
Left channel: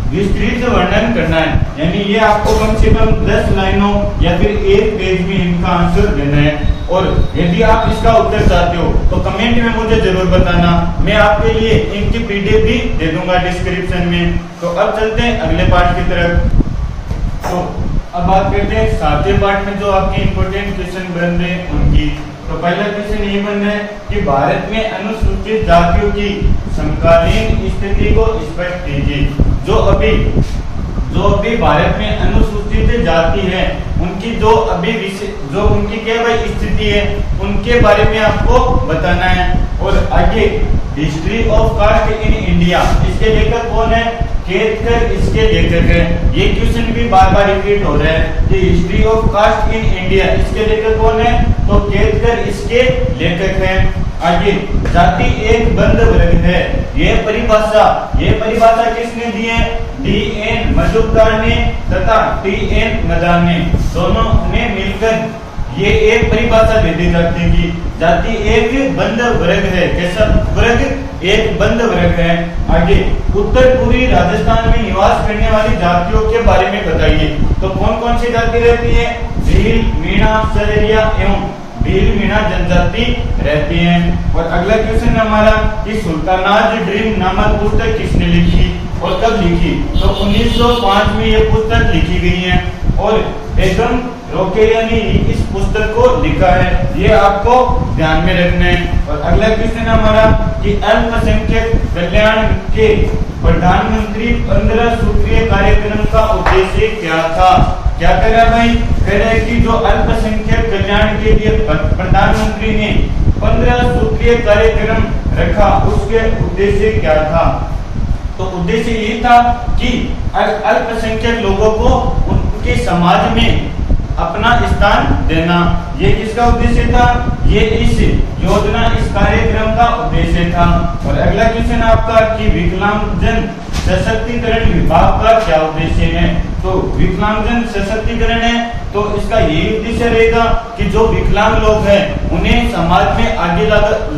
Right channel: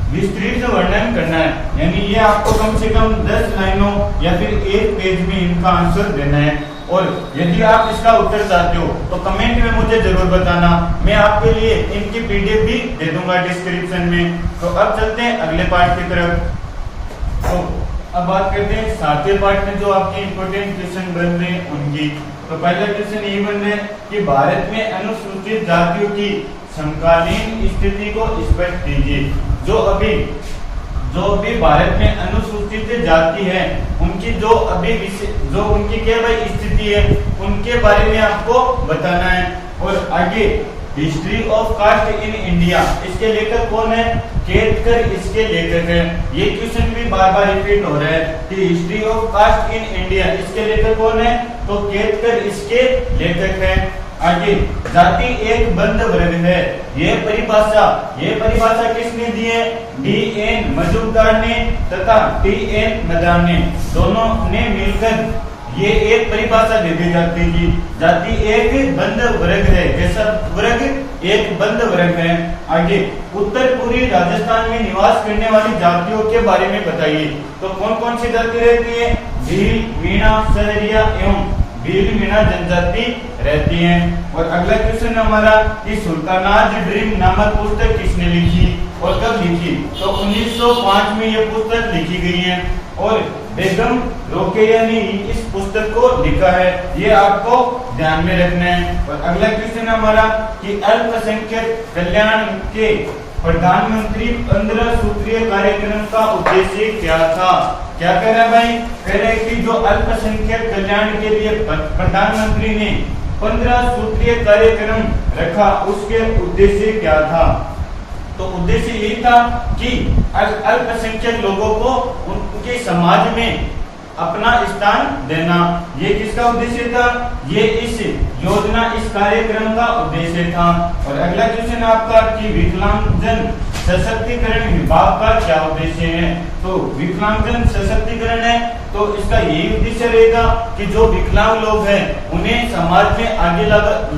विस्तृत वर्णन करना है, यानी ये आपको कम से कम 10 लाइनों या फिर 1 पेज में इनका आंसर देना है। और यदि आप इसका उत्तर चाहते हो तो कमेंट में मुझे जरूर बताना, मैं आपके लिए इनकी पीडीएफ भी दे दूंगा डिस्क्रिप्शन में। तो अब चलते हैं अगले पार्ट की तरफ। तो अब बात करते हैं 7वें पार्ट में जो आपकी इंपोर्टेंट क्वेश्चन बन रहे हैं उनकी। तो पहला क्वेश्चन ये बनना है कि भारत में अनुसूचित जातियों की समकालीन स्थिति को स्पष्ट कीजिए। जो अभी भारत में अनुसूचित जाति है उनकी जो उनकी क्या भाई स्थिति है उनके बारे में आपको बताना है। और आगे history of caste in India, इसके लेखक कौन है, खेद कर इसके लेखक हैं। ये क्वेश्चन भी बार बार रिपीट हो रहा है कि history of caste in India, इसके लेखक कौन है? तो खेद कर इसके लेखक हैं। आगे, जाति एक बंद वर्ग है, ये परिभाषा किसने दी है? D.N. मजूमदार ने तथा T.N. मदान ने, दोनों ने मिलकर ये एक परिभाषा दे दी जाती है कि जाति एक बंद वर्ग है। कैसा वर्ग? एक बंद वर्ग है। आगे, उत्तर पूर्वी राजस्थान में निवास करने वाली जातियों के बारे में बताइए। तो कौन कौन सी जाति रहती है? भील, मीणा, सदरिया एवं भील मीणा जनजाति रहती है। और अगला क्वेश्चन हमारा कि सुल्तानाज ड्रीम नामक पुस्तक किसने लिखी और कब लिखी? तो 1905 में यह पुस्तक लिखी गई है और बेगम रोकेया ने इस पुस्तक को लिखा है, ये आपको ध्यान में रखना है। और अगला क्वेश्चन हमारा कि अल्पसंख्यक कल्याण के प्रधानमंत्री 15 सूत्रीय कार्यक्रम का उद्देश्य क्या था? क्या कर रहा है भाई? कह रहे कि जो अल्पसंख्यक कल्याण के लिए प्रधानमंत्री ने 15 सूत्रीय कार्यक्रम रखा, उसके उद्देश्य क्या था? तो उद्देश्य ये था कि अल्पसंख्यक लोगों को उनके समाज में अपना स्थान देना। ये किसका उद्देश्य था? ये इस योजना, इस कार्यक्रम का उद्देश्य था। और अगला क्वेश्चन आपका कि विकलांगजन सशक्तिकरण विभाग का क्या उद्देश्य है? तो विकलांगजन सशक्तिकरण है तो इसका यही उद्देश्य रहेगा कि जो विकलांग लोग हैं उन्हें समाज में आगे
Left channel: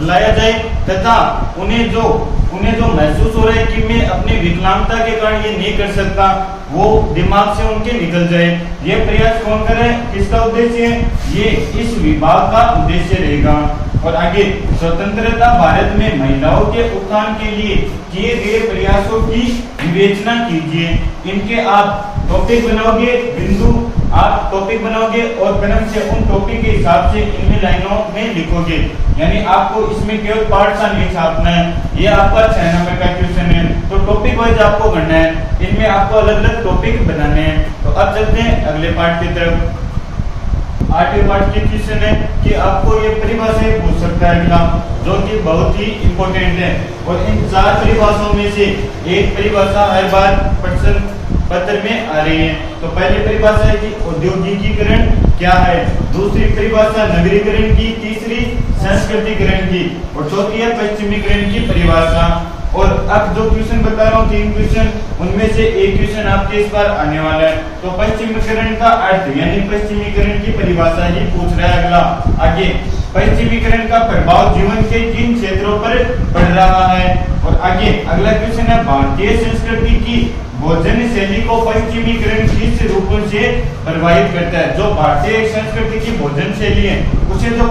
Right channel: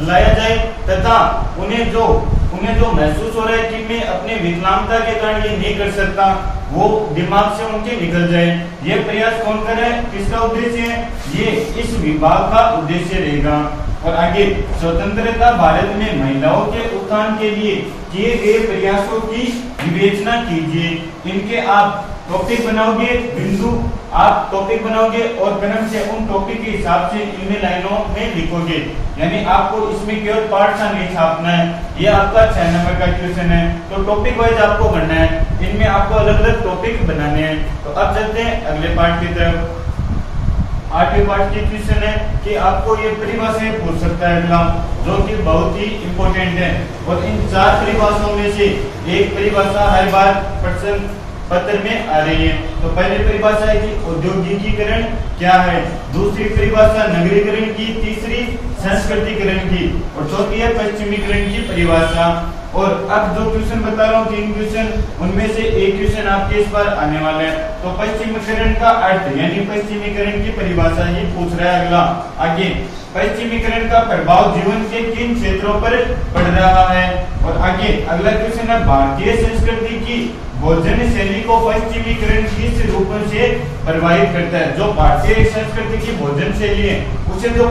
लाया जाए तथा उन्हें जो महसूस हो रहा है कि मैं अपने विकलांगता के कारण ये नहीं कर सकता, वो दिमाग से उनके निकल जाए। ये प्रयास कौन करे? किसका उद्देश्य है? ये इस विभाग का उद्देश्य रहेगा। और आगे, स्वतंत्रता भारत में महिलाओं के उत्थान के लिए किए गए प्रयासों की विवेचना कीजिए। इनके आप टॉपिक बनाओगे, बिंदु आप टॉपिक बनाओगे और क्रम से उन टॉपिक के हिसाब से इनमें लाइनों में लिखोगे। यानी आपको इसमें केवल पार्ट सा नहीं छापना है। ये आपका 6 नंबर का क्वेश्चन है तो टॉपिक वाइज आपको बनना है, इनमें आपको अलग अलग टॉपिक बनाने हैं। तो अब चलते हैं अगले पार्ट की तरफ। 8वें पार्ट की क्वेश्चन है कि आपको ये परिभाषा पूछ सकता है अगला, जो कि बहुत ही इंपॉर्टेंट है। और इन 4 परिभाषाओं में से एक परिभाषा हर बार प्रश्न पत्र में आ रही है। तो पहली परिभाषा है कि औद्योगिकीकरण क्या है, दूसरी परिभाषा नगरीकरण की, तीसरी संस्कृतिकरण की और चौथी है पश्चिमीकरण की परिभाषा। और अब जो क्वेश्चन बता रहा हूँ 3 क्वेश्चन, उनमें से एक क्वेश्चन आपके इस बार आने वाला है। तो पश्चिमीकरण का अर्थ यानी पश्चिमीकरण की परिभाषा ये पूछ रहा है अगला। आगे, पश्चिमीकरण का प्रभाव जीवन के किन क्षेत्रों पर पड़ रहा है? और आगे अगला क्वेश्चन है भारतीय संस्कृति की भोजन शैली को पश्चिमीकरण किस रूप से प्रभावित करता है? जो भारतीय संस्कृति की भोजन शैली है उसे जो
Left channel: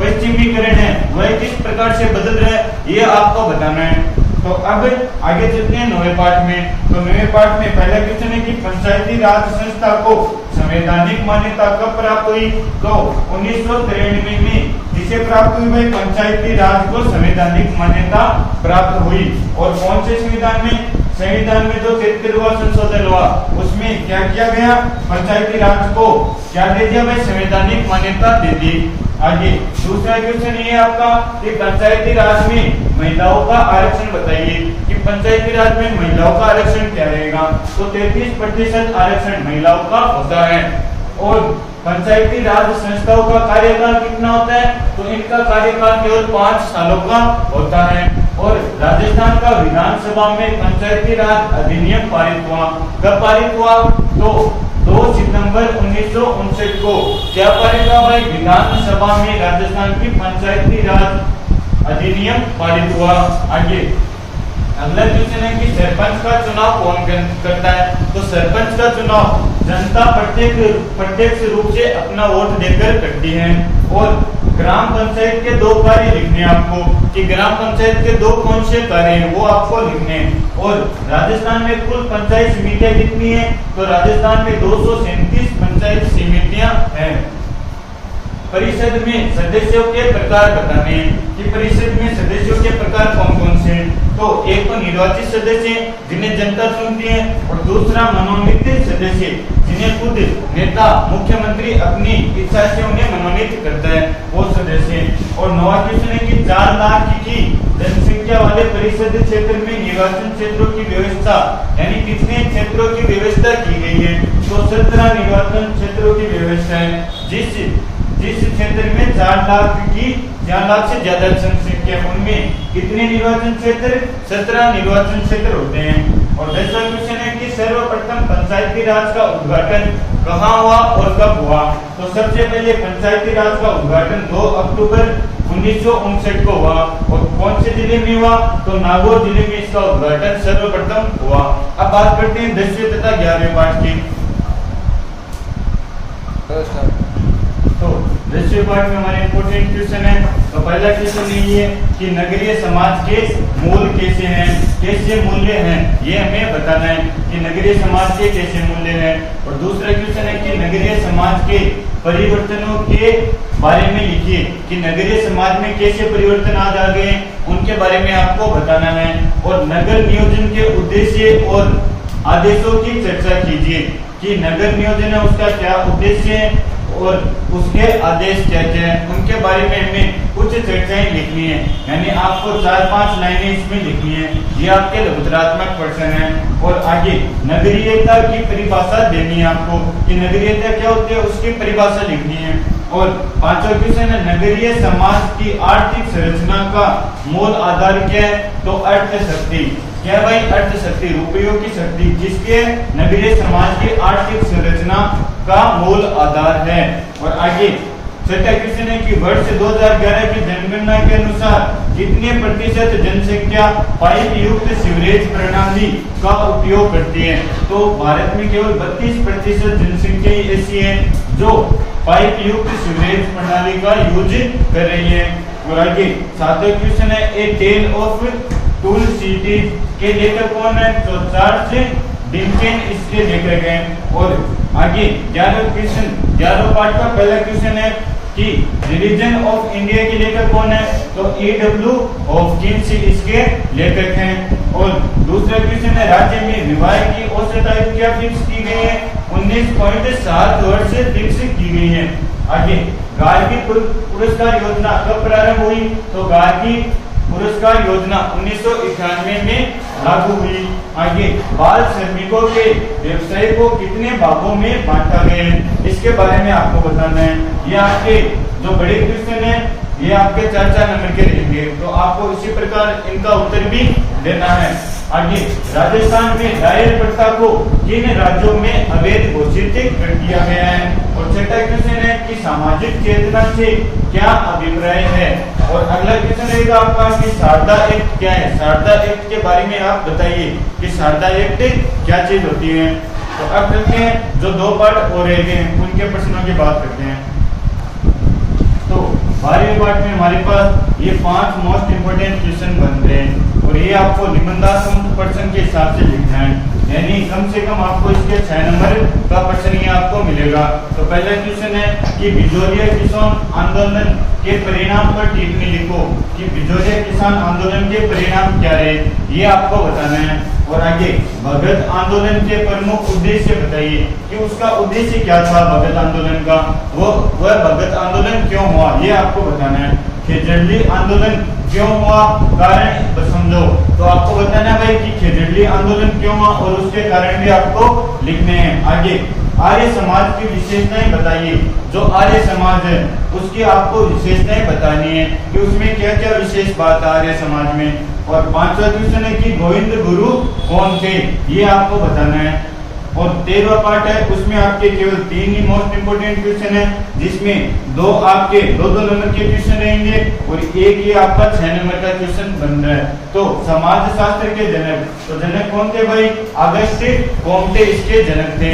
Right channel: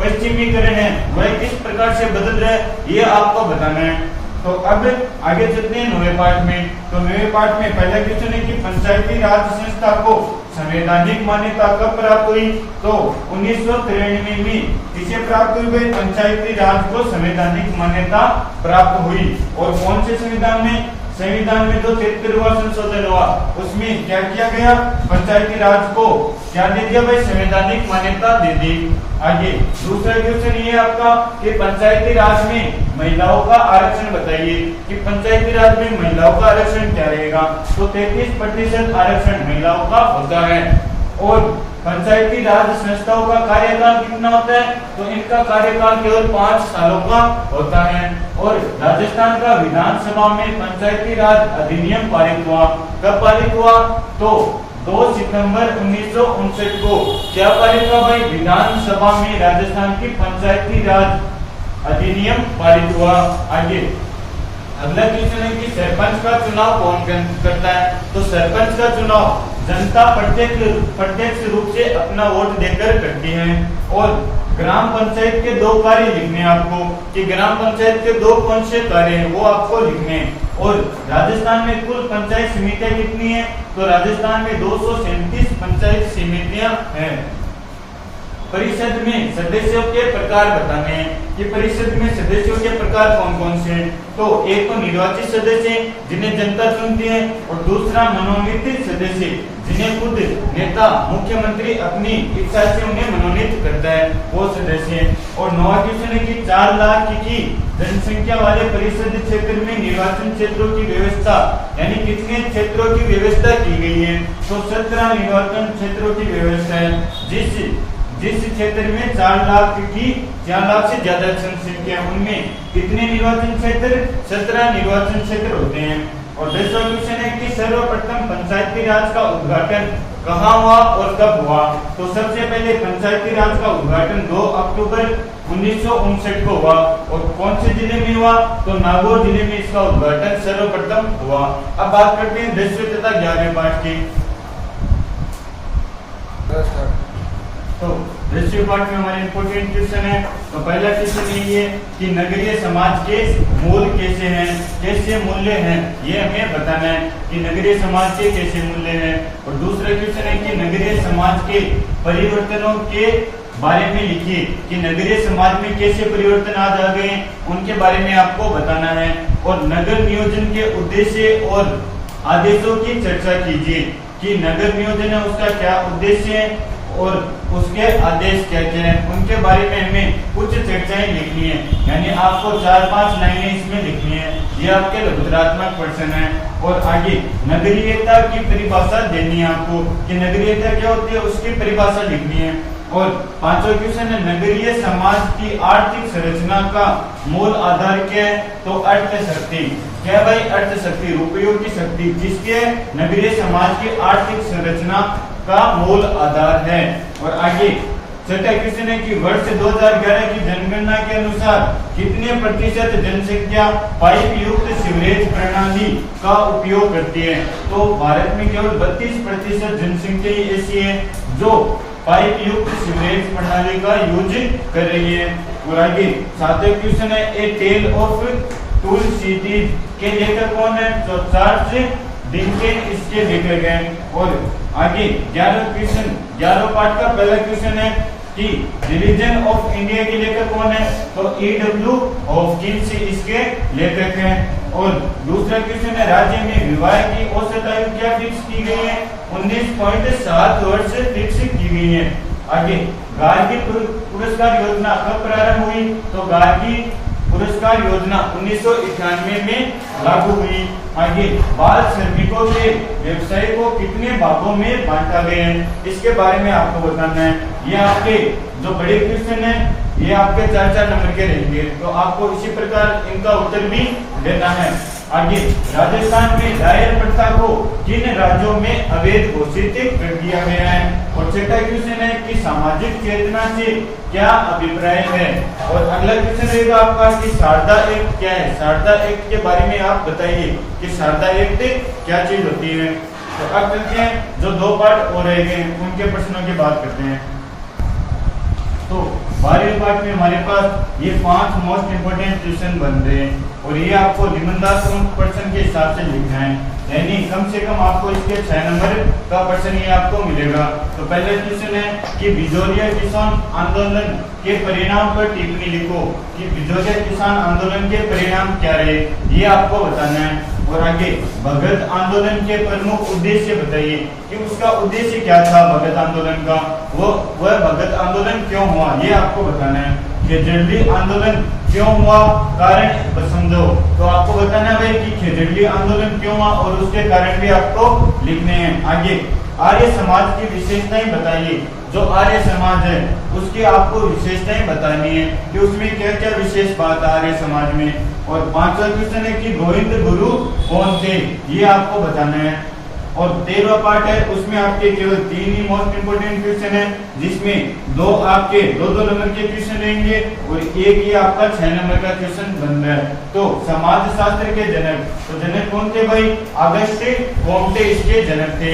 पश्चिमीकरण है वह किस प्रकार से बदल रहा है, ये आपको बताना है। तो अब आगे चलते हैं 9वें पार्ट में। तो 9वें पार्ट में पहला क्वेश्चन है कि पंचायती राज संस्था को संवैधानिक मान्यता कब प्राप्त हुई? तो 1993 में किसे प्राप्त हुई भाई? पंचायती राज को संवैधानिक मान्यता प्राप्त हुई। और कौन से संविधान में? संविधान में जो 73वां संशोधन हुआ उसमें क्या किया गया? पंचायती राज को क्या दे दिया भाई? संवैधानिक मान्यता दे दी। आगे दूसरा क्वेश्चन ये आपका कि पंचायती राज में महिलाओं का आरक्षण बताइए कि पंचायती राज में महिलाओं का आरक्षण क्या रहेगा? तो 33% आरक्षण महिलाओं का होता है। और पंचायती राज संस्थाओं का कार्यकाल कितना होता है? तो इनका कार्यकाल केवल 5 सालों का होता है। और राजस्थान का विधानसभा में पंचायती राज अधिनियम पारित हुआ। कब पारित हुआ? तो 2 सितंबर 1959 को क्या पारित हुआ भाई? विधानसभा में राजस्थान की पंचायती राज अधिनियम पारित हुआ। आगे अगला क्वेश्चन है कि सरपंच का चुनाव कौन करता है? तो सरपंच का चुनाव जनता प्रत्यक्ष रूप से अपना वोट देकर करती है। और ग्राम पंचायत के 2 कार्य लिखने हैं आपको कि ग्राम पंचायत के 2 कौन से कार्य हैं वो आपको लिखने हैं। और राजस्थान में कुल पंचायत समितियां कितनी है? तो राजस्थान में 237 पंचायत समितियां हैं। परिषद में सदस्यों के प्रकार बताने हैं कि परिषद में सदस्यों के प्रकार कौन कौन से हैं? तो एक तो निर्वाचित सदस्य जिन्हें जनता चुनती है और दूसरा मनोनीत सदस्य जिन्हें खुद नेता मुख्यमंत्री अपनी इच्छा से उन्हें मनोनीत करता है वो सदस्य। और 9वां क्वेश्चन है कि 4 लाख की जनसंख्या वाले परिषद क्षेत्र में निर्वाचन क्षेत्रों की व्यवस्था, यानी कितने क्षेत्रों की व्यवस्था की गई है? तो 17 निर्वाचन क्षेत्रों की व्यवस्था है। जिस क्षेत्र में 4 लाख से ज्यादा जनसंख्या, उनमें कितने निर्वाचन क्षेत्र? 17 निर्वाचन क्षेत्र होते हैं। और 10वां क्वेश्चन है कि सर्वप्रथम पंचायती राज का उद्घाटन कहाँ हुआ और कब हुआ? तो सबसे पहले पंचायती राज का उद्घाटन 2 अक्टूबर 1959 को हुआ। और कौन से जिले में हुआ? तो नागौर जिले में इसका उद्घाटन सर्वप्रथम हुआ। अब बात करते हैं 10वें तथा 11वें पाठ की। तो 10वें पाठ में हमारे इंपोर्टेंट क्वेश्चन है। तो पहला क्वेश्चन ये है कि नगरीय समाज के मूल कैसे हैं, कैसे मूल्य हैं, ये हमें बताना है कि नगरीय समाज के कैसे मूल्य हैं। और दूसरा क्वेश्चन है कि नगरीय समाज के परिवर्तनों के बारे में लिखिए कि नगरीय समाज में कैसे परिवर्तन आ गए, उनके बारे में आपको बताना है। और नगर नियोजन के उद्देश्य और आदेशों की चर्चा कीजिए कि नगर नियोजन है उसका क्या उद्देश्य है और उसके आदेश क्या क्या हैं, उनके बारे में हमें कुछ चर्चाएं लिखनी है। यानी आपको 4-5 लाइनें इसमें लिखनी है। ये आपके लघुतरात्मक प्रश्न है। और आगे नगरीयता की परिभाषा देनी है आपको कि नगरीयता क्या होती है, उसकी परिभाषा लिखनी है। और 5वां क्वेश्चन है नगरीय समाज की आर्थिक संरचना का मूल आधार क्या है? तो अर्थ शक्ति। क्या भाई? अर्थ शक्ति, रुपयों की शक्ति, जिसके नगरीय समाज की आर्थिक संरचना का मूल आधार है। और आगे 6वां क्वेश्चन है कि वर्ष 2011 की जनगणना के अनुसार कितने प्रतिशत जनसंख्या पाइप युक्त सीवरेज प्रणाली का उपयोग करती है? तो भारत में केवल 32% जनसंख्या ऐसी है जो पाइप युक्त सीवरेज प्रणाली का यूज कर रही है। और आगे 7वां क्वेश्चन है ए टेल ऑफ टू सिटीज के लेखक कौन है? तो चार्ल्स डिकेंस इसके लेखक हैं। और आगे 11वां पार्ट का पहला क्वेश्चन है कि रिलीजन ऑफ इंडिया के लेखक कौन है? तो E.W. हॉपकिंस इसके लेखक हैं। और दूसरा क्वेश्चन है राज्य में विवाह की औसत आयु क्या फिक्स की गई है? 19.7 वर्ष फिक्स की गई है। आगे गार्गी पुरस्कार योजना कब प्रारंभ हुई? तो गार्गी पुरस्कार योजना 1991 में लागू हुई। आगे बाल श्रमिकों के व्यवसाय को कितने भागों में बांटा गया है, इसके बारे में आपको बताना है। ये आपके जो बड़े क्वेश्चन है ये आपके 4-4 नंबर के रहेंगे, तो आपको इसी प्रकार इनका उत्तर भी देना है। आगे राजस्थान में दायर प्रथा को किन राज्यों में अवैध घोषित कर दिया गया है? और 6वां क्वेश्चन है कि सामाजिक चेतना से क्या अभिप्राय है? और अगला क्वेश्चन रहेगा आपका कि शारदा एक्ट क्या है? शारदा एक्ट के बारे में आप बताइए कि शारदा एक्ट क्या चीज होती है। तो अब चलते हैं जो 2 पार्ट और रह गए उनके प्रश्नों की बात करते हैं। तो 12वें पार्ट में हमारे पास ये 5 मोस्ट इंपोर्टेंट क्वेश्चन बन रहे हैं और ये आपको निबंधात्मक प्रश्न के हिसाब से लिखना है, यानी कम से कम आपको इसके 6 नंबर का प्रश्न ही आपको मिलेगा। तो पहला क्वेश्चन है कि भिजोरिया किसान आंदोलन के परिणाम पर टिप्पणी लिखो कि भिजोरिया किसान आंदोलन के परिणाम क्या रहे, ये आपको बताना है। और आगे भगत आंदोलन के प्रमुख उद्देश्य बताइए कि उसका उद्देश्य क्या था भगत आंदोलन का, वह भगत आंदोलन क्यों हुआ, ये आपको बताना है। खेजड़ली आंदोलन क्यों हुआ, कारण समझो, तो आपको बताना है भाई कि खेजड़ली आंदोलन क्यों हुआ और उसके कारण भी आपको लिखने हैं। आगे आर्य समाज की विशेषताएं बताइए, जो आर्य समाज है उसकी आपको विशेषताएं बतानी है कि उसमें क्या क्या विशेष बात है आर्य समाज में। और 5वां क्वेश्चन है कि गोविंद गुरु कौन थे, ये आपको बताना है। और 13वां पार्ट है उसमें आपके केवल 3 ही मोस्ट इंपोर्टेंट क्वेश्चन है, जिसमें 2 आपके 2-2 नंबर के क्वेश्चन रहेंगे और एक ही आपका 6 नंबर का क्वेश्चन बन रहा है। तो समाज शास्त्र के जनक, तो जनक कौन थे भाई? अगस्त कॉम्टे इसके जनक थे।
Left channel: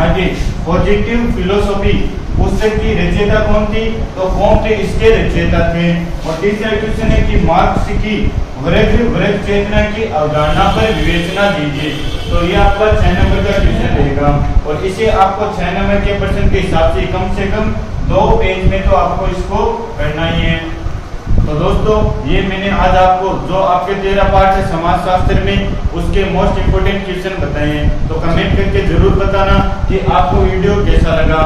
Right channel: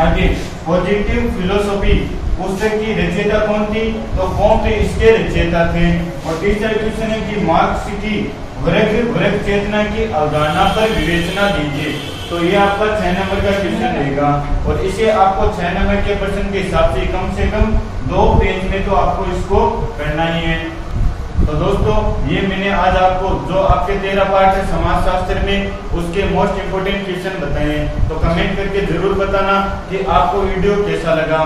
आगे पॉजिटिव फिलोसॉफी पुस्तक की रचयिता कौन थी? तो कॉम्टे इसके रचयिता थे। और तीसरा क्वेश्चन है कि मार्क्स की वर्ग चेतना की अवधारणा पर विवेचना दीजिए, तो ये आपका 6 नंबर का क्वेश्चन रहेगा। और इसे आपको 6 नंबर के प्रश्न के हिसाब से कम 2 पेज में तो आपको इसको करना ही है। तो दोस्तों ये मैंने आज आपको जो आपके 13 पार्ट है समाजशास्त्र में उसके मोस्ट इंपोर्टेंट क्वेश्चन बताए हैं। तो कमेंट करके जरूर बताना कि आपको वीडियो कैसा लगा।